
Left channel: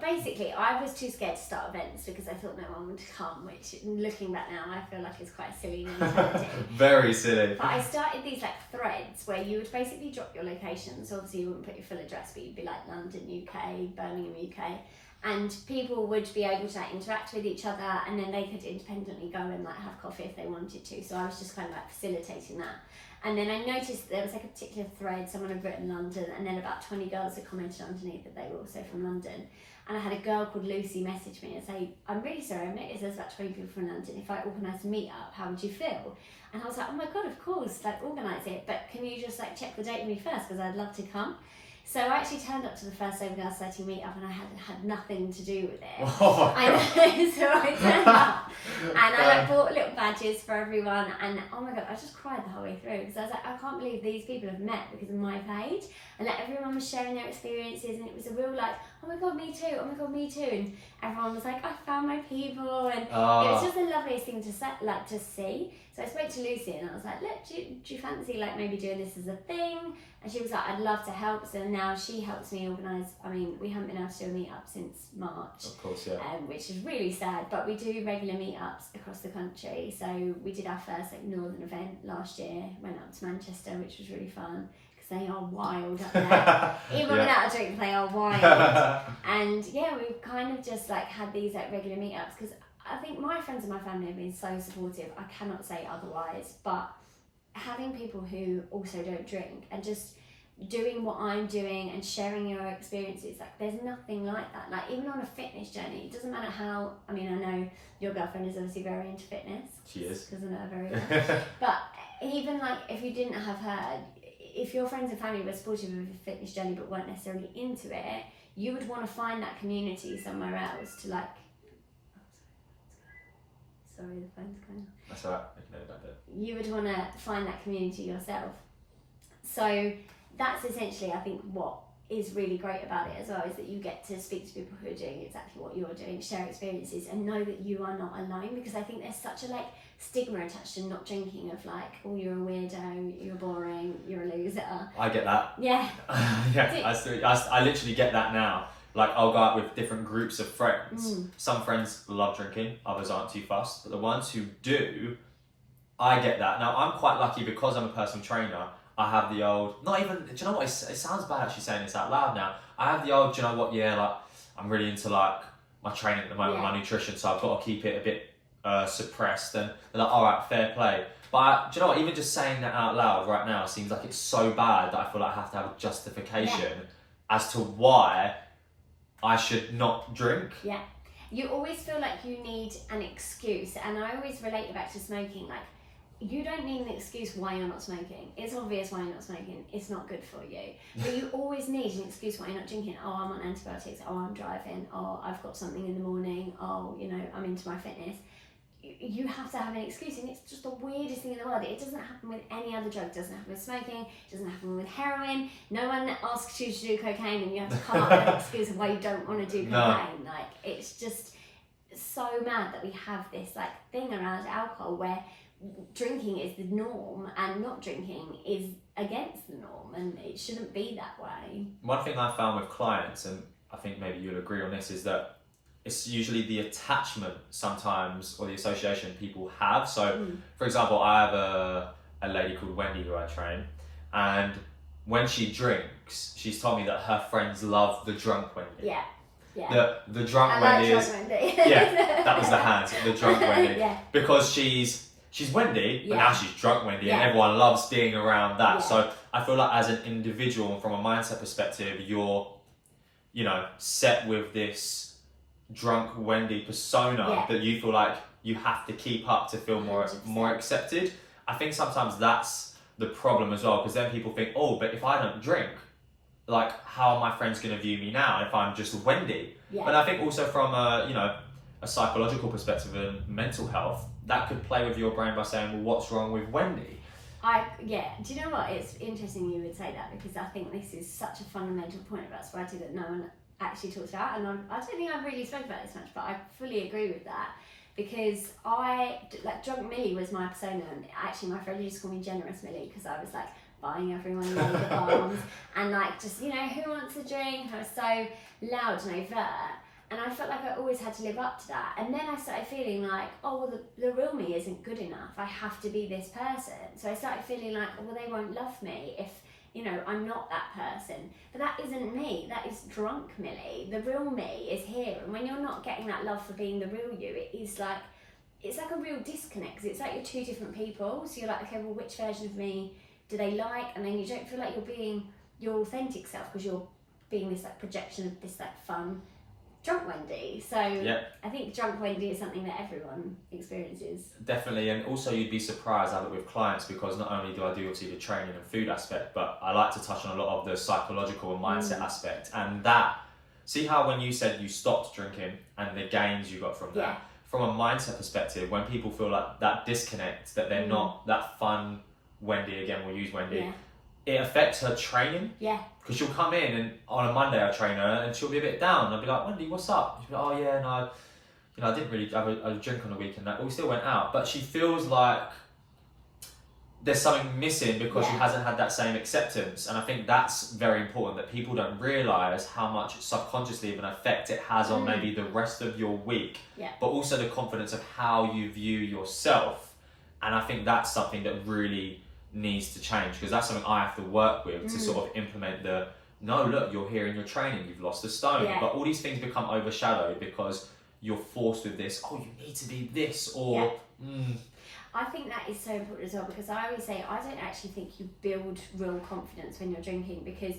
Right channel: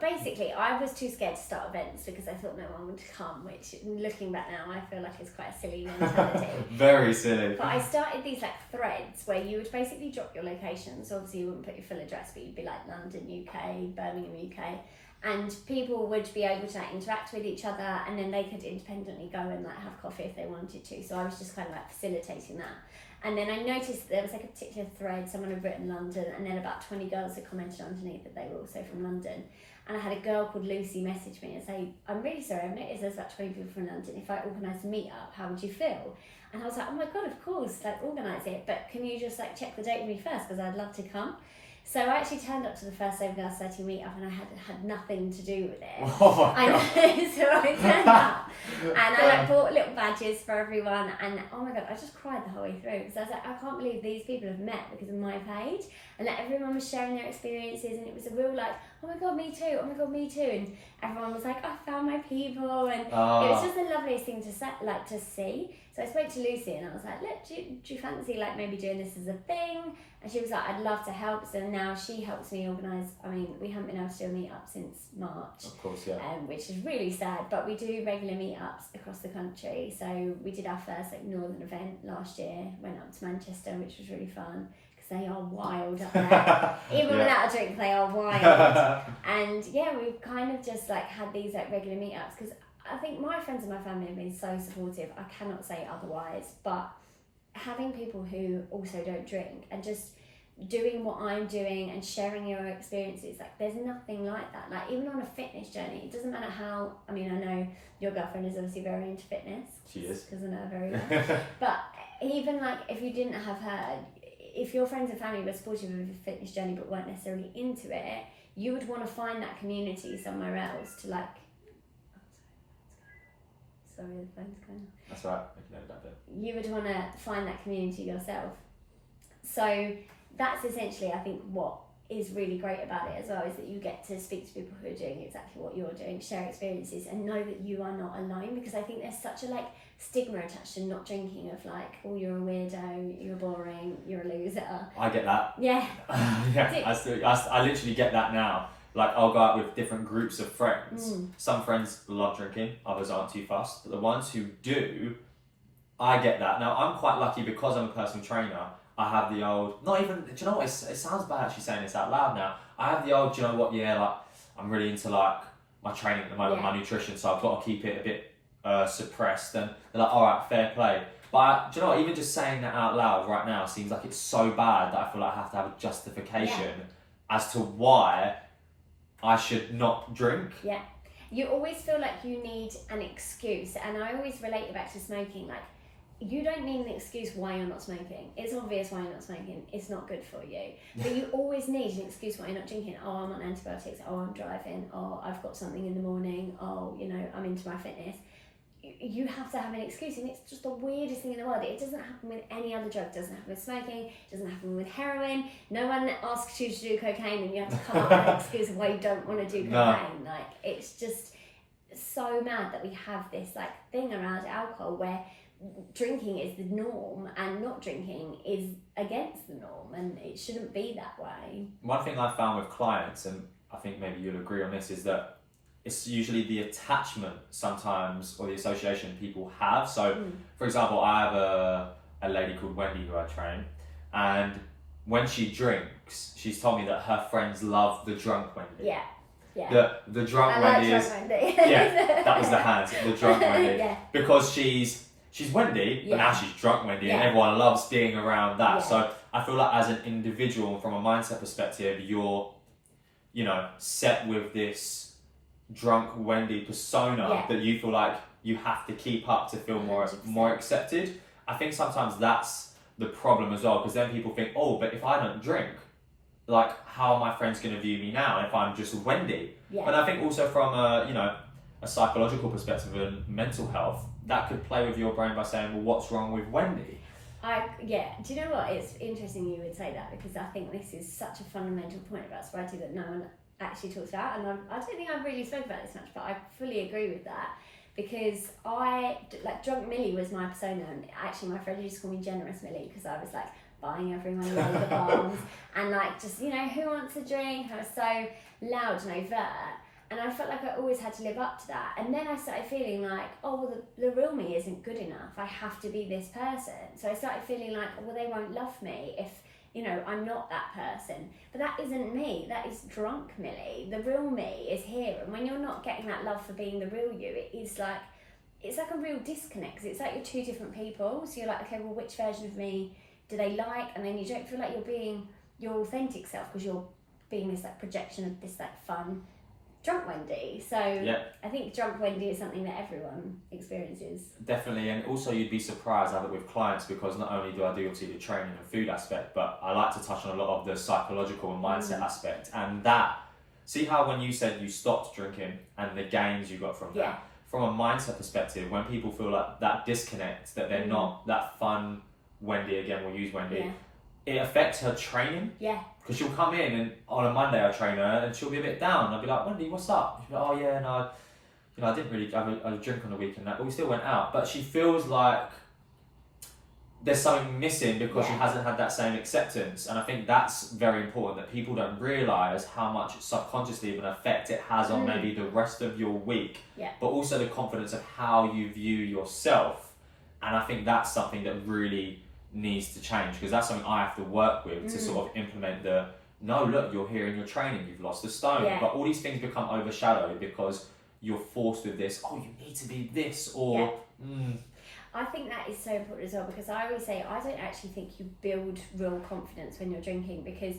basically, I was too scared to start events because I thought no one would come, which looking back now, I feel like it's quite a silly mentality. Very silly. But I started these like threads where you would basically drop your location. So obviously you wouldn't put your full address, but you'd be like London, UK, Birmingham, UK. And people would be able to like interact with each other, and then they could independently go and like have coffee if they wanted to. So I was just kind of like facilitating that. And then I noticed there was like a particular thread, someone had written London, and then about 20 girls had commented underneath that they were also from London. And I had a girl called Lucy message me and say, I'm really sorry, I've noticed there's about 20 people from London. If I organised a meet-up, how would you feel? And I was like, oh my God, of course, like organise it. But can you just like check the date with me first, because I'd love to come. So I actually turned up to the first Cybergirl Society meet-up, and I had nothing to do with it. Oh I know, so I turned up and I like bought little badges for everyone, and oh my God, I just cried the whole way through, because I was like, I can't believe these people have met because of my page. And like everyone was sharing their experiences, and it was a real like, oh my God, me too, oh my God, me too. And everyone was like, I found my people, and it was just the loveliest thing to see. So I spoke to Lucy and I was like, look, do you fancy like maybe doing this as a thing? And she was like, I'd love to help. So now she helps me organise. I mean, we haven't been able to do a meet-up since March. Of course, which is really sad, but we do regular meet-ups across the country. So we did our first like northern event last year, went up to Manchester, which was really fun, because they are wild up there. Even without a drink, they are wild. And yeah, we've kind of just like had these like regular meet-ups, because I think my friends and my family have been so supportive. I cannot say otherwise. But having people who also don't drink and just doing what I'm doing and sharing your experiences, like there's nothing like that. Like even on a fitness journey, it doesn't matter how, I mean, I know your girlfriend is obviously very into fitness. She is. Because I know her very well. But even like if you didn't have her, if your friends and family were supportive of your fitness journey but weren't necessarily into it, you would want to find that community somewhere else to like, sorry, the phone's going. That's all right, I can edit that bit. You would want to find that community yourself. So that's essentially, I think, what is really great about it as well, is that you get to speak to people who are doing exactly what you're doing, share experiences, and know that you are not alone. Because I think there's such a like stigma attached to not drinking, of like, oh, you're a weirdo, you're boring, you're a loser. I get that. Yeah. I literally get that now. Like I'll go out with different groups of friends. Some friends love drinking, others aren't too fussed. But the ones who do, I get that. Now I'm quite lucky because I'm a personal trainer. I have the old, not even, do you know what, it sounds bad actually saying this out loud now. I have the old, do you know what, like I'm really into like my training at the moment, my nutrition, so I've got to keep it a bit suppressed. And they're like, all right, fair play. But do you know what, even just saying that out loud right now seems like it's so bad that I feel like I have to have a justification as to why I should not drink. Yeah. You always feel like you need an excuse, and I always relate it back to smoking. Like, you don't need an excuse why you're not smoking. It's obvious why you're not smoking. It's not good for you. But you always need an excuse why you're not drinking. Oh, I'm on antibiotics. Oh, I'm driving. Oh, I've got something in the morning. Oh, you know, I'm into my fitness. You have to have an excuse, and it's just the weirdest thing in the world. It doesn't happen with any other drug. It doesn't happen with smoking. It doesn't happen with heroin. No one asks you to do cocaine, and you have to come up with an excuse of why you don't want to do cocaine. No. Like, it's just so mad that we have this like thing around alcohol where drinking is the norm and not drinking is against the norm, and it shouldn't be that way. One thing I found with clients, and I think maybe you'll agree on this, is that it's usually the attachment sometimes, or the association people have. So, for example, I have a lady called Wendy who I train, and when she drinks, she's told me that her friends love the drunk Wendy. Yeah. Yeah. The drunk I Wendy like is... drunk Wendy. Yeah, that was the hands, the drunk Wendy. Yeah. Because she's Wendy, but now she's drunk Wendy, and everyone loves being around that. So I feel like as an individual, and from a mindset perspective, you're, you know, set with this drunk Wendy persona that you feel like you have to keep up to feel more accepted. I think sometimes that's the problem as well, because then people think, oh, but if I don't drink, like, how are my friends going to view me now if I'm just Wendy? But I think also from a psychological perspective and mental health, that could play with your brain by saying, well, what's wrong with Wendy? Do you know what? It's interesting you would say that, because I think this is such a fundamental point about sobriety that no one actually talks about, and I don't think I've really spoken about this much, but I fully agree with that, because drunk Millie was my persona, and actually my friend used to call me generous Millie, because I was like buying everyone a load of bombs and like, just, you know, who wants a drink? I was so loud and overt, and I felt like I always had to live up to that. And then I started feeling like, oh, well, the real me isn't good enough. I have to be this person. So I started feeling like, well, they won't love me if, you know, I'm not that person. But that isn't me. That is drunk Millie. The real me is here. And when you're not getting that love for being the real you, it's like a real disconnect, because it's like you're two different people. So you're like, okay, well, which version of me do they like? And then you don't feel like you're being your authentic self, because you're being this like projection of this like fun drunk Wendy. So I think drunk Wendy is something that everyone experiences. Definitely, and also you'd be surprised I have it with clients, because not only do I do obviously the training and food aspect, but I like to touch on a lot of the psychological and mindset aspect. And that, see how when you said you stopped drinking and the gains you got from that, from a mindset perspective, when people feel like that disconnect, that they're not that fun Wendy, again we'll use Wendy, it affects her training. Because she'll come in, and on a Monday I train her, and she'll be a bit down. I'll be like, Wendy, what's up? She'll be like, oh yeah, no, you know, I didn't really have a drink on the weekend, but we still went out. But she feels like there's something missing, because she hasn't had that same acceptance. And I think that's very important, that people don't realise how much subconsciously of an effect it has on maybe the rest of your week, but also the confidence of how you view yourself. And I think that's something that really needs to change, because that's something I have to work with to sort of implement no, look, you're here in your training, you've lost a stone, but all these things become overshadowed because you're forced with this, oh, you need to be this, or I think that is so important as well, because I always say I don't actually think you build real confidence when you're drinking, because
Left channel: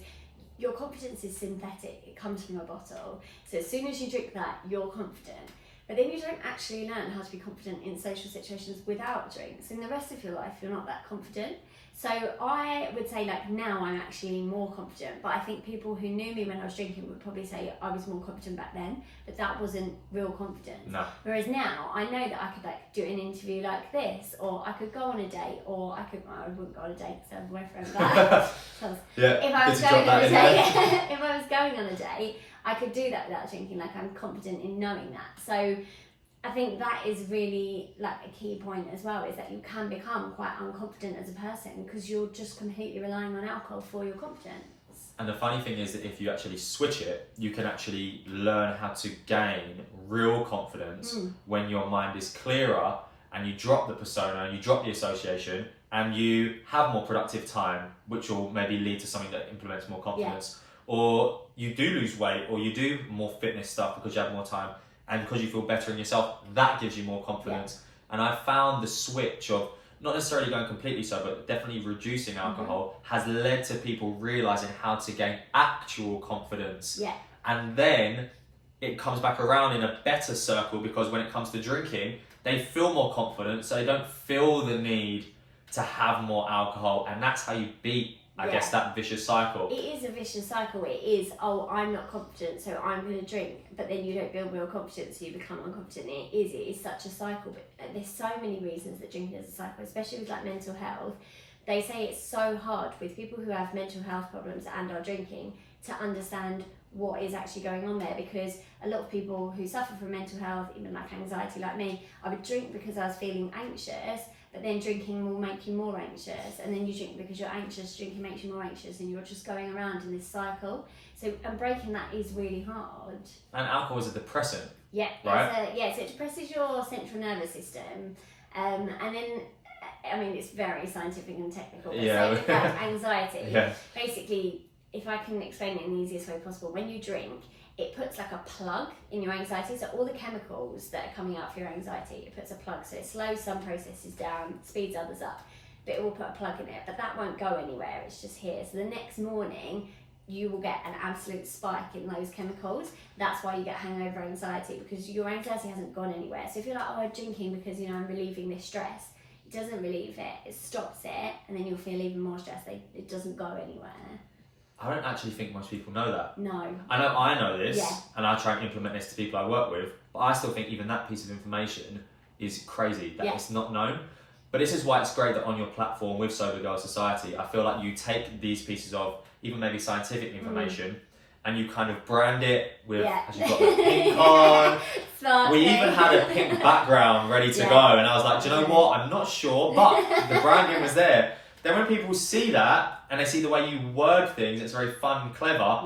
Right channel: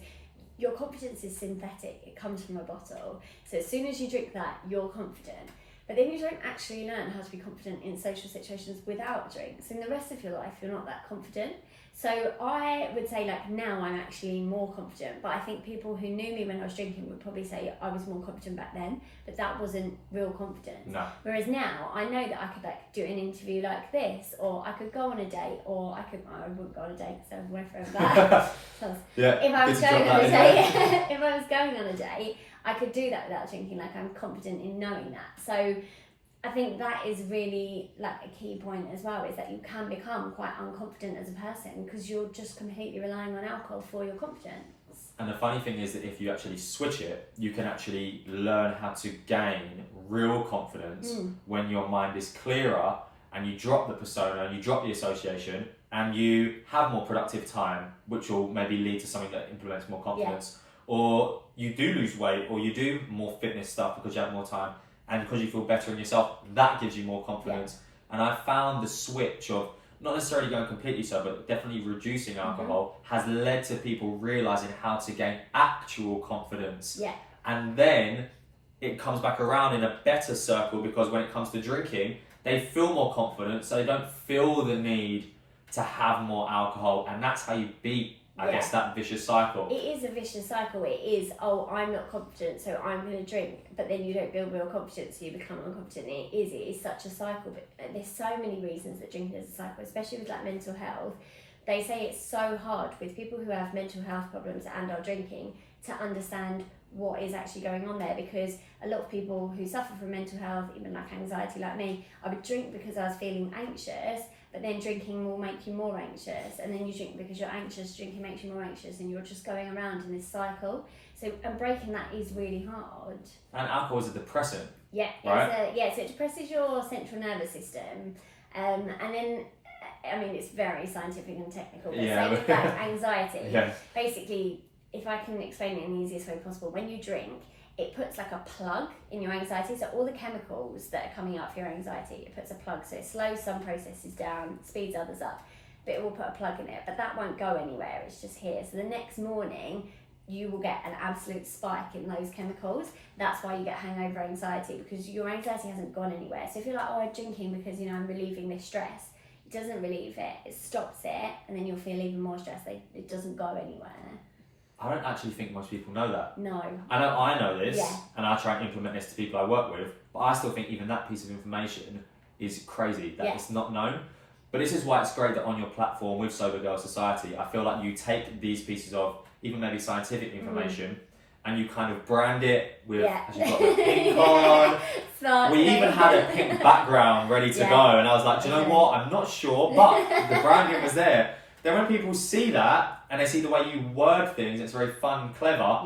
your confidence is synthetic. It comes from a bottle. So as soon as you drink that, you're confident. But then you don't actually learn how to be confident in social situations without drinks. In the rest of your life, you're not that confident. So I would say, like, now I'm actually more confident, but I think people who knew me when I was drinking would probably say I was more confident back then, but that wasn't real confidence. No. Whereas now I know that I could like do an interview like this, or I could go on a date, or I wouldn't go on a date because I have a boyfriend, but if I was going on a date, if I was going on a date, I could do that without drinking. Like, I'm confident in knowing that. So I think that is really like a key point as well, is that you can become quite unconfident as a person because you're just completely relying on alcohol for your confidence. And the funny thing is that if you actually switch it, you can actually learn how to gain real confidence when your mind is clearer and you drop the persona and you drop the association and you have more productive time, which will maybe lead to something that implements more confidence. Or you do lose weight, or you do more fitness stuff because you have more time, and because you feel better in yourself, that gives you more confidence. And I found the switch of not necessarily going completely sober, but definitely reducing alcohol has led to people realizing how to gain actual confidence. And then it comes back around in a better circle, because when it comes to drinking, they feel more confident, so they don't feel the need to have more alcohol, and that's how you beat, I guess, that vicious cycle. It is a vicious cycle. It is, oh, I'm not confident, so I'm going to drink, but then you don't build more confidence, so you become unconfident. It is such a cycle, but there's so many reasons that drinking is a cycle, especially with like mental health. They say it's so hard with people who have mental health problems and are drinking to understand what is actually going on there, because a lot of people who suffer from mental health, even like anxiety like me, I would drink because I was feeling anxious, but then drinking will make you more anxious, and then you drink because you're anxious, drinking makes you more anxious, and you're just going around in this cycle. So, and breaking that is really hard. And alcohol is a depressant. Yeah, right? So it depresses your central nervous system, and then, I mean, it's very scientific and technical, but same with that anxiety. Basically, if I can explain it in the easiest way possible, when you drink, it puts like a plug in your anxiety. So all the chemicals that are coming out for your anxiety, it puts a plug. So it slows some processes down, speeds others up, but it will put a plug in it. But that won't go anywhere, it's just here. So the next morning, you will get an absolute spike in those chemicals. That's why you get hangover anxiety, because your anxiety hasn't gone anywhere. So if you're like, oh, I'm drinking because, you know, I'm relieving this stress, it doesn't relieve it, it stops it, and then you'll feel even more stressed. It doesn't go anywhere. I don't actually think most people know that. No. I know this, and I try and implement this to people I work with, but I still think even that piece of information is crazy, that it's not known. But this is why it's great that on your platform with Cybergirl Society, I feel like you take these pieces of even maybe scientific information and you kind of brand it with, as you've got the pink on. We even had a pink background ready to go, and I was like, do you know what? I'm not sure, but the branding was there. Then when people see that, and they see the way you word things, it's very fun and clever,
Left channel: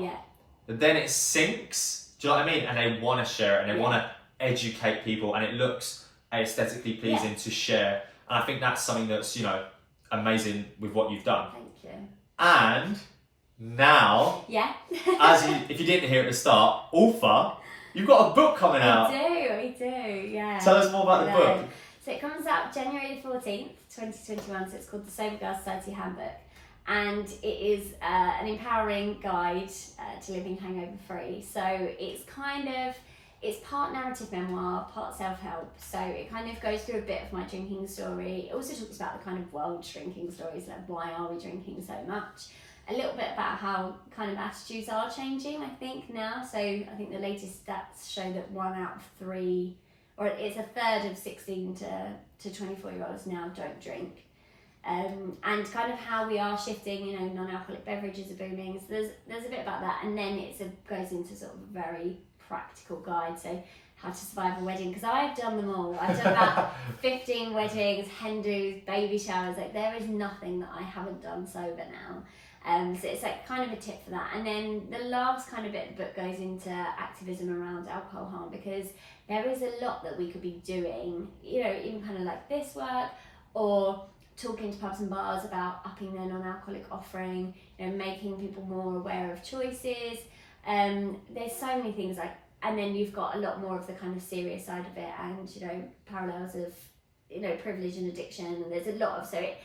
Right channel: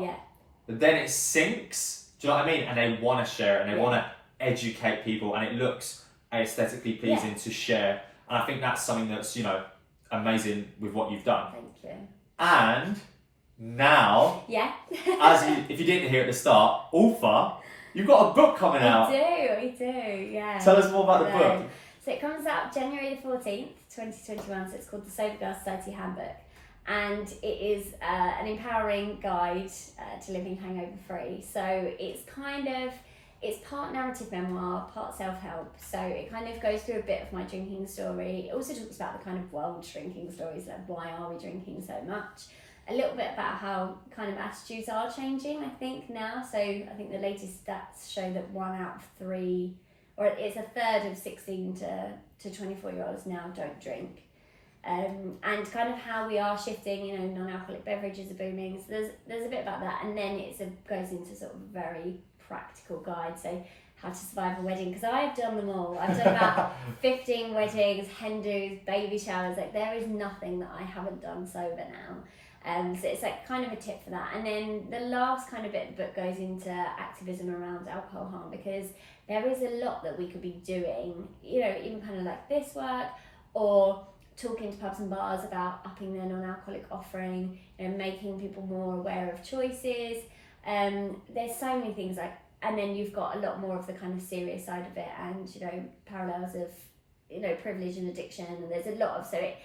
but then it sinks, do you know what I mean? And they want to share it, and they want to educate people, and it looks aesthetically pleasing to share. And I think that's something that's, you know, amazing with what you've done. Thank you. And now, if you didn't hear at the start, Ulfa, you've got a book coming out. I do, yeah. Tell us more about the book. So it comes out January the 14th, 2021, so it's called the Sobriety Society Handbook. And it is an empowering guide to living hangover-free. So it's it's part narrative memoir, part self-help. So it kind of goes through a bit of my drinking story. It also talks about the kind of world drinking stories, like why are we drinking so much? A little bit about how kind of attitudes are changing, I think, now. So I think the latest stats show that 1 out of 3, or it's a third of 16 to 24-year-olds now don't drink. And kind of how we are shifting, you know, non-alcoholic beverages are booming. So there's a bit about that, and then it goes into sort of a very practical guide. So how to survive a wedding, because I've done them all. I've done about 15 weddings, hen do's, baby showers. Like, there is nothing that I haven't done sober now. So it's like kind of a tip for that. And then the last kind of bit of the book goes into activism around alcohol harm, because there is a lot that we could be doing, you know, even kind of like this work, or talking to pubs and bars about upping their non-alcoholic offering, you know, making people more aware of choices. There's so many things, like, and then you've got a lot more of the kind of serious side of it, and, you know, parallels of, you know, privilege and addiction, and there's a lot of, so it,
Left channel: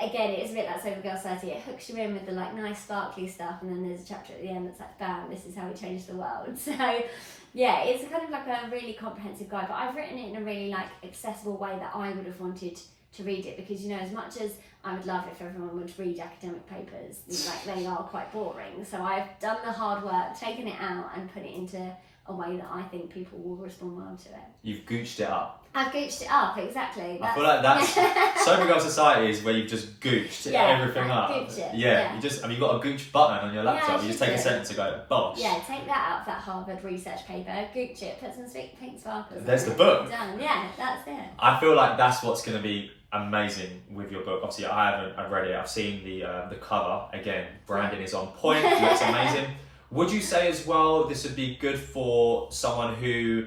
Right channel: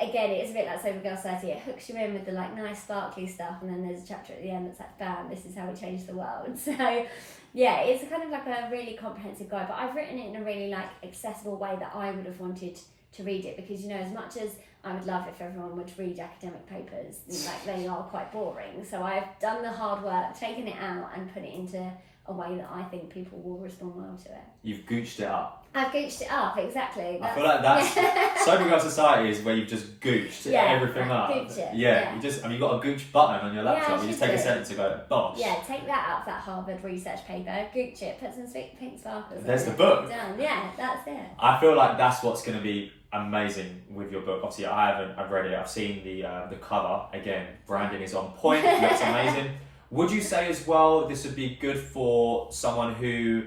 again, it is a bit like Cybergirl Society. It hooks you in with the like nice sparkly stuff, and then there's a chapter at the end that's like, bam, this is how we change the world. So yeah, it's kind of like a really comprehensive guide, but I've written it in a really like accessible way that I would have wanted to read it, because, you know, as much as I would love if everyone would read academic papers, like, they are quite boring. So I've done the hard work, taken it out and put it into a way that I think people will respond well to it. You've gooched it up. I've gooched it up, exactly. I feel like that's Cybergirl Society is where you've just gooched everything up. Gooch it. You just, have you got a gooch button on your laptop? You just take a sentence and go, bosh. Yeah, take that out of that Harvard research paper, gooch it, put some pink sparkles on it. There's the book. Done. Yeah, that's it. I feel like that's what's going to be amazing with your book. Obviously, I've read it. I've seen the cover. Again, branding is on point. Looks amazing. Would you say as well this would be good for someone who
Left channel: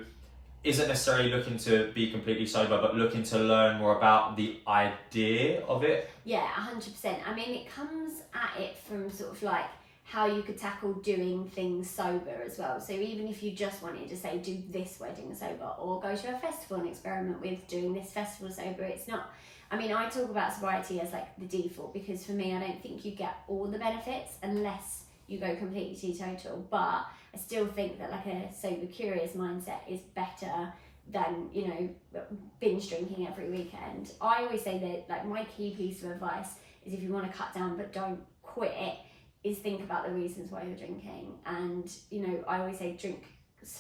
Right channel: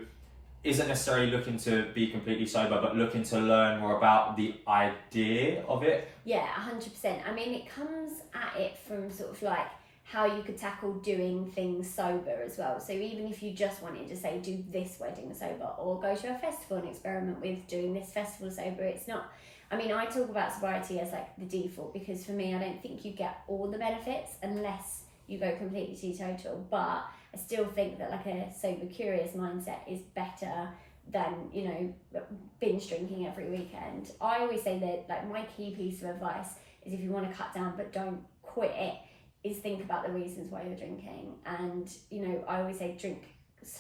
isn't necessarily looking to be completely sober, but looking to learn more about the idea of it? Yeah, 100%. I mean, it comes at it from sort of like how you could tackle doing things sober as well. So even if you just wanted to say, do this wedding sober, or go to a festival and experiment with doing this festival sober, it's not, I mean, I talk about sobriety as like the default, because for me, I don't think you get all the benefits unless you go completely teetotal. But I still think that like a sober curious mindset is better than, you know, binge drinking every weekend. I always say that like my key piece of advice is if you want to cut down but don't quit it, is think about the reasons why you're drinking. And, you know, I always say drink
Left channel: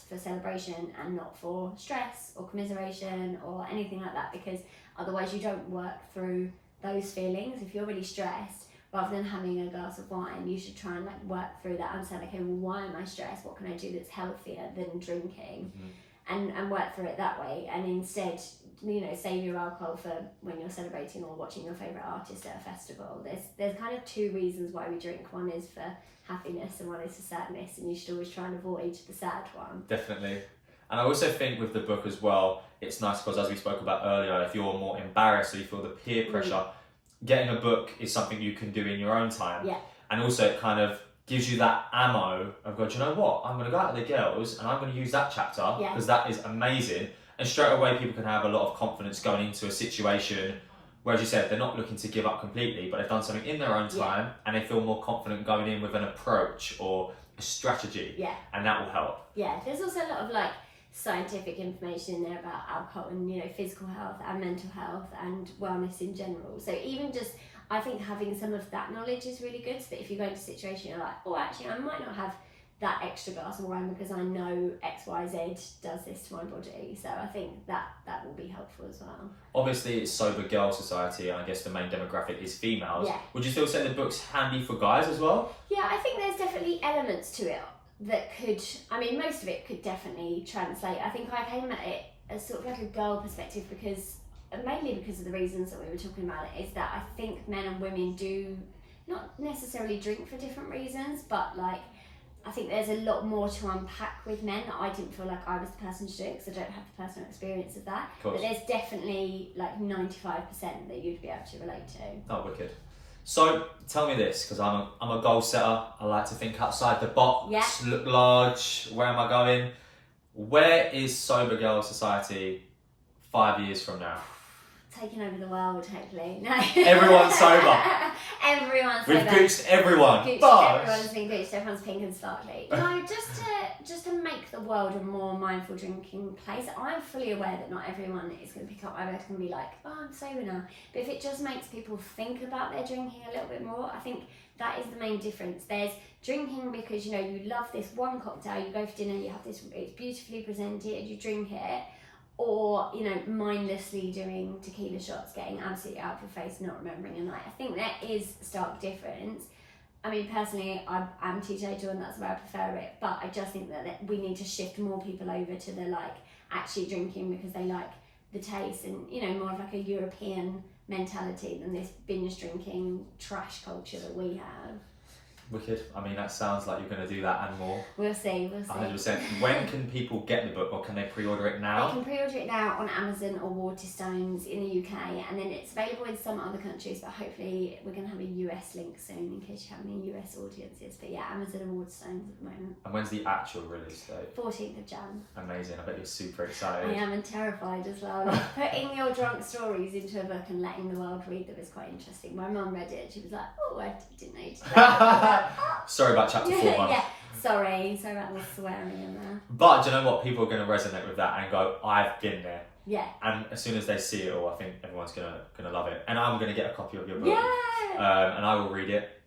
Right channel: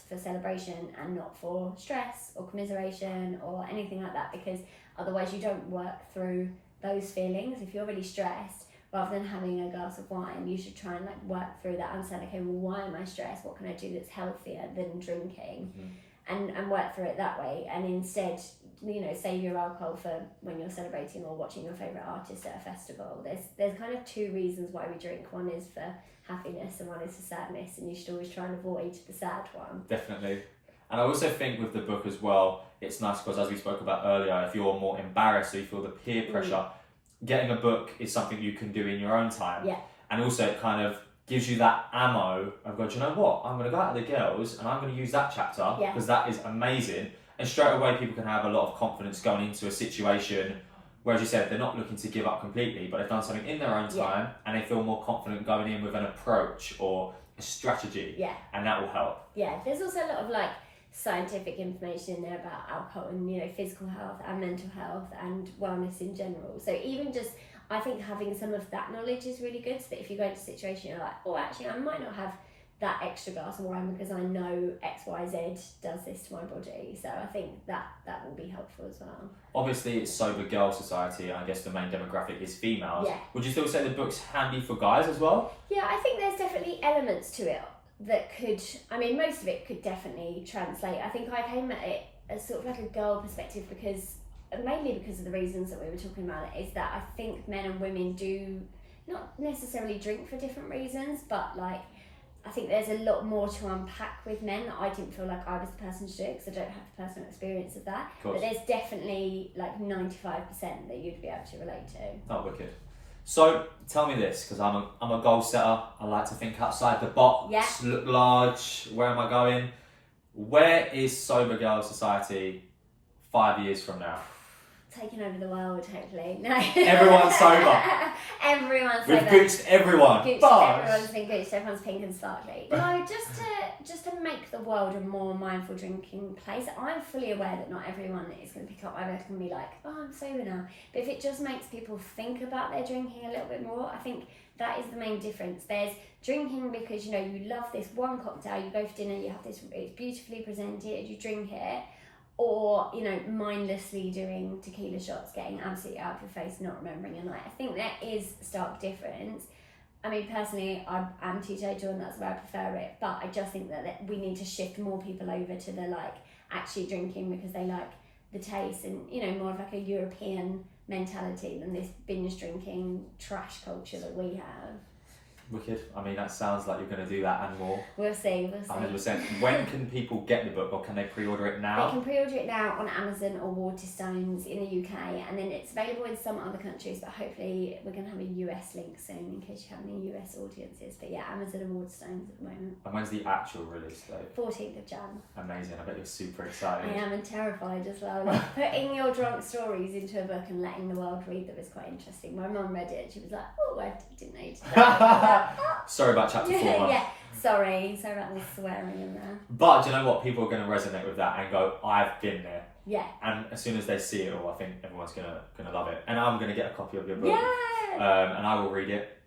for celebration and not for stress or commiseration or anything like that, because otherwise you don't work through those feelings. If you're really stressed, rather than having a glass of wine, you should try and like work through that and say, okay, well, why am I stressed? What can I do that's healthier than drinking? And work through it that way. And instead, you know, save your alcohol for when you're celebrating or watching your favourite artist at a festival. There's kind of two reasons why we drink. One is for happiness and one is for sadness, and you should always try and avoid the sad one. Definitely. And I also think with the book as well, it's nice because, as we spoke about earlier, if you're more embarrassed or you feel the peer pressure, getting a book is something you can do in your own time. Yeah. And also it kind of gives you that ammo of going, do you know what? I'm going to go out with the girls and I'm going to use that chapter because that is amazing. And straight away people can have a lot of confidence going into a situation where, as you said, they're not looking to give up completely, but they've done something in their own time and they feel more confident going in with an approach or a strategy. Yeah. And that will help. Yeah, there's also a lot of like scientific information in there about alcohol and, you know, physical health and mental health and wellness in general. So even just, I think having some of that knowledge is really good, so that if you go into a situation you're like, oh, actually I might not have that extra glass of wine because I know XYZ does this to my body. So I think that will be helpful as well. Obviously it's Sober Girl Society, and I guess the main demographic is females. Yeah. Would you still say the book's handy for guys as well? Yeah, I think there's definitely elements to it that could, I mean, most of it could definitely translate. I think I came at it as sort of like a girl perspective because, mainly because of the reasons that we were talking about it, is that I think men and women do not necessarily drink for different reasons, but like, I think there's a lot more to unpack with men that I didn't feel like I was the person to do it because I don't have the personal experience of that. But there's definitely like 95% that you'd be able to relate to. Oh, wicked. So tell me this, because I'm a goal setter. I like to think outside the box, look large. Where am I going? Where is Sober Girl Society 5 years from now? Taking over the world, hopefully. No. Everyone's sober. Everyone's sober. We've gooched everyone. Everyone's been gooched. Everyone's pink and sparkly. No, just to make the world a more mindful drinking place. I'm fully aware that not everyone is going to pick up my book and be like, oh, I'm sober now. But if it just makes people think about their drinking a little bit more, I think that is the main difference. There's drinking because, you know, you love this one cocktail, you go for dinner, you have this, it's beautifully presented, you drink it. Or, you know, mindlessly doing tequila shots, getting absolutely out of your face, not remembering your night. I think there is a stark difference. I mean, personally, I'm teetotal and that's where I prefer it. But I just think that we need to shift more people over to the, like, actually drinking because they like the taste and, you know, more of like a European mentality than this binge drinking trash culture that we have. Wicked. I mean, that sounds like you're going to do that and more. We'll see. 100%. When can people get the book, or can they pre-order it now? They can pre-order it now on Amazon or Waterstones in the UK, and then it's available in some other countries, but hopefully we're going to have a US link soon in case you have any US audiences. But yeah, Amazon and Waterstones at the moment. And when's the actual release date? 14th of Jan. Amazing. I bet you're super excited. I am, and terrified as well. Like, putting your drunk stories into a book and letting the world read them is quite interesting. My mum read it and she was like, oh, I didn't know you did that. Sorry about chapter 4. Yeah, sorry about all the swearing in there. But do you know what? People are going to resonate with that and go, I've been there. Yeah. And as soon as they see it all, I think everyone's gonna love it. And I'm gonna get a copy of your book. Yeah. And I will read it.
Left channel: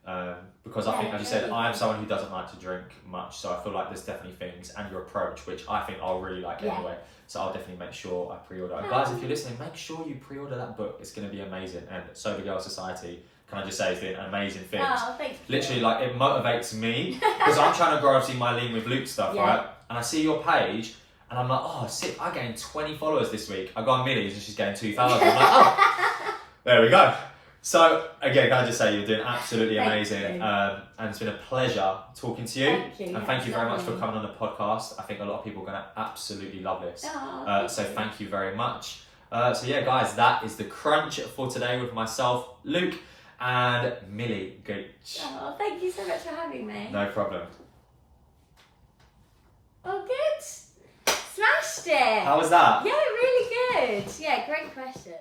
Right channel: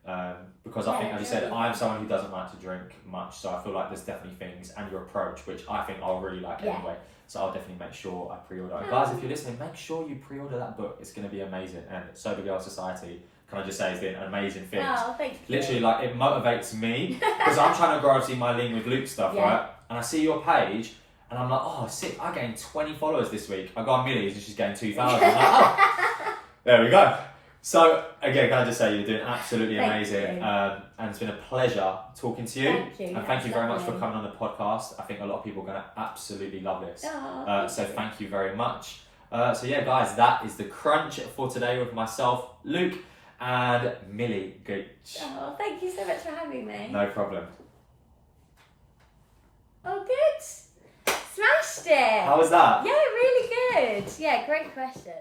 Because I think, as you said, I'm someone who doesn't like to drink much, so I feel like there's definitely things, and your approach, which I think I'll really like anyway. So I'll definitely make sure I pre-order it. Guys, if you're listening, make sure you pre-order that book. It's going to be amazing. And Sober Girl Society, can I just say, has been amazing things. Oh, thank you. Literally, like, it motivates me because I'm trying to grow, obviously, my Lean with Luke stuff, right? And I see your page, and I'm like, oh, sick, I gained 20 followers this week. I go on Millie's and she's gained 2,000. I'm like, oh, there we go. So, again, can I just say, you're doing absolutely amazing. And it's been a pleasure talking to you. Thank you. And thank you very much for coming on the podcast. I think a lot of people are going to absolutely love this. Oh, so thank you very much. So yeah, guys, that is the crunch for today with myself, Luke, and Millie Gooch. Oh, thank you so much for having me. No problem. Oh, good. Smashed it. How was that? Yeah, really good. Yeah, great question.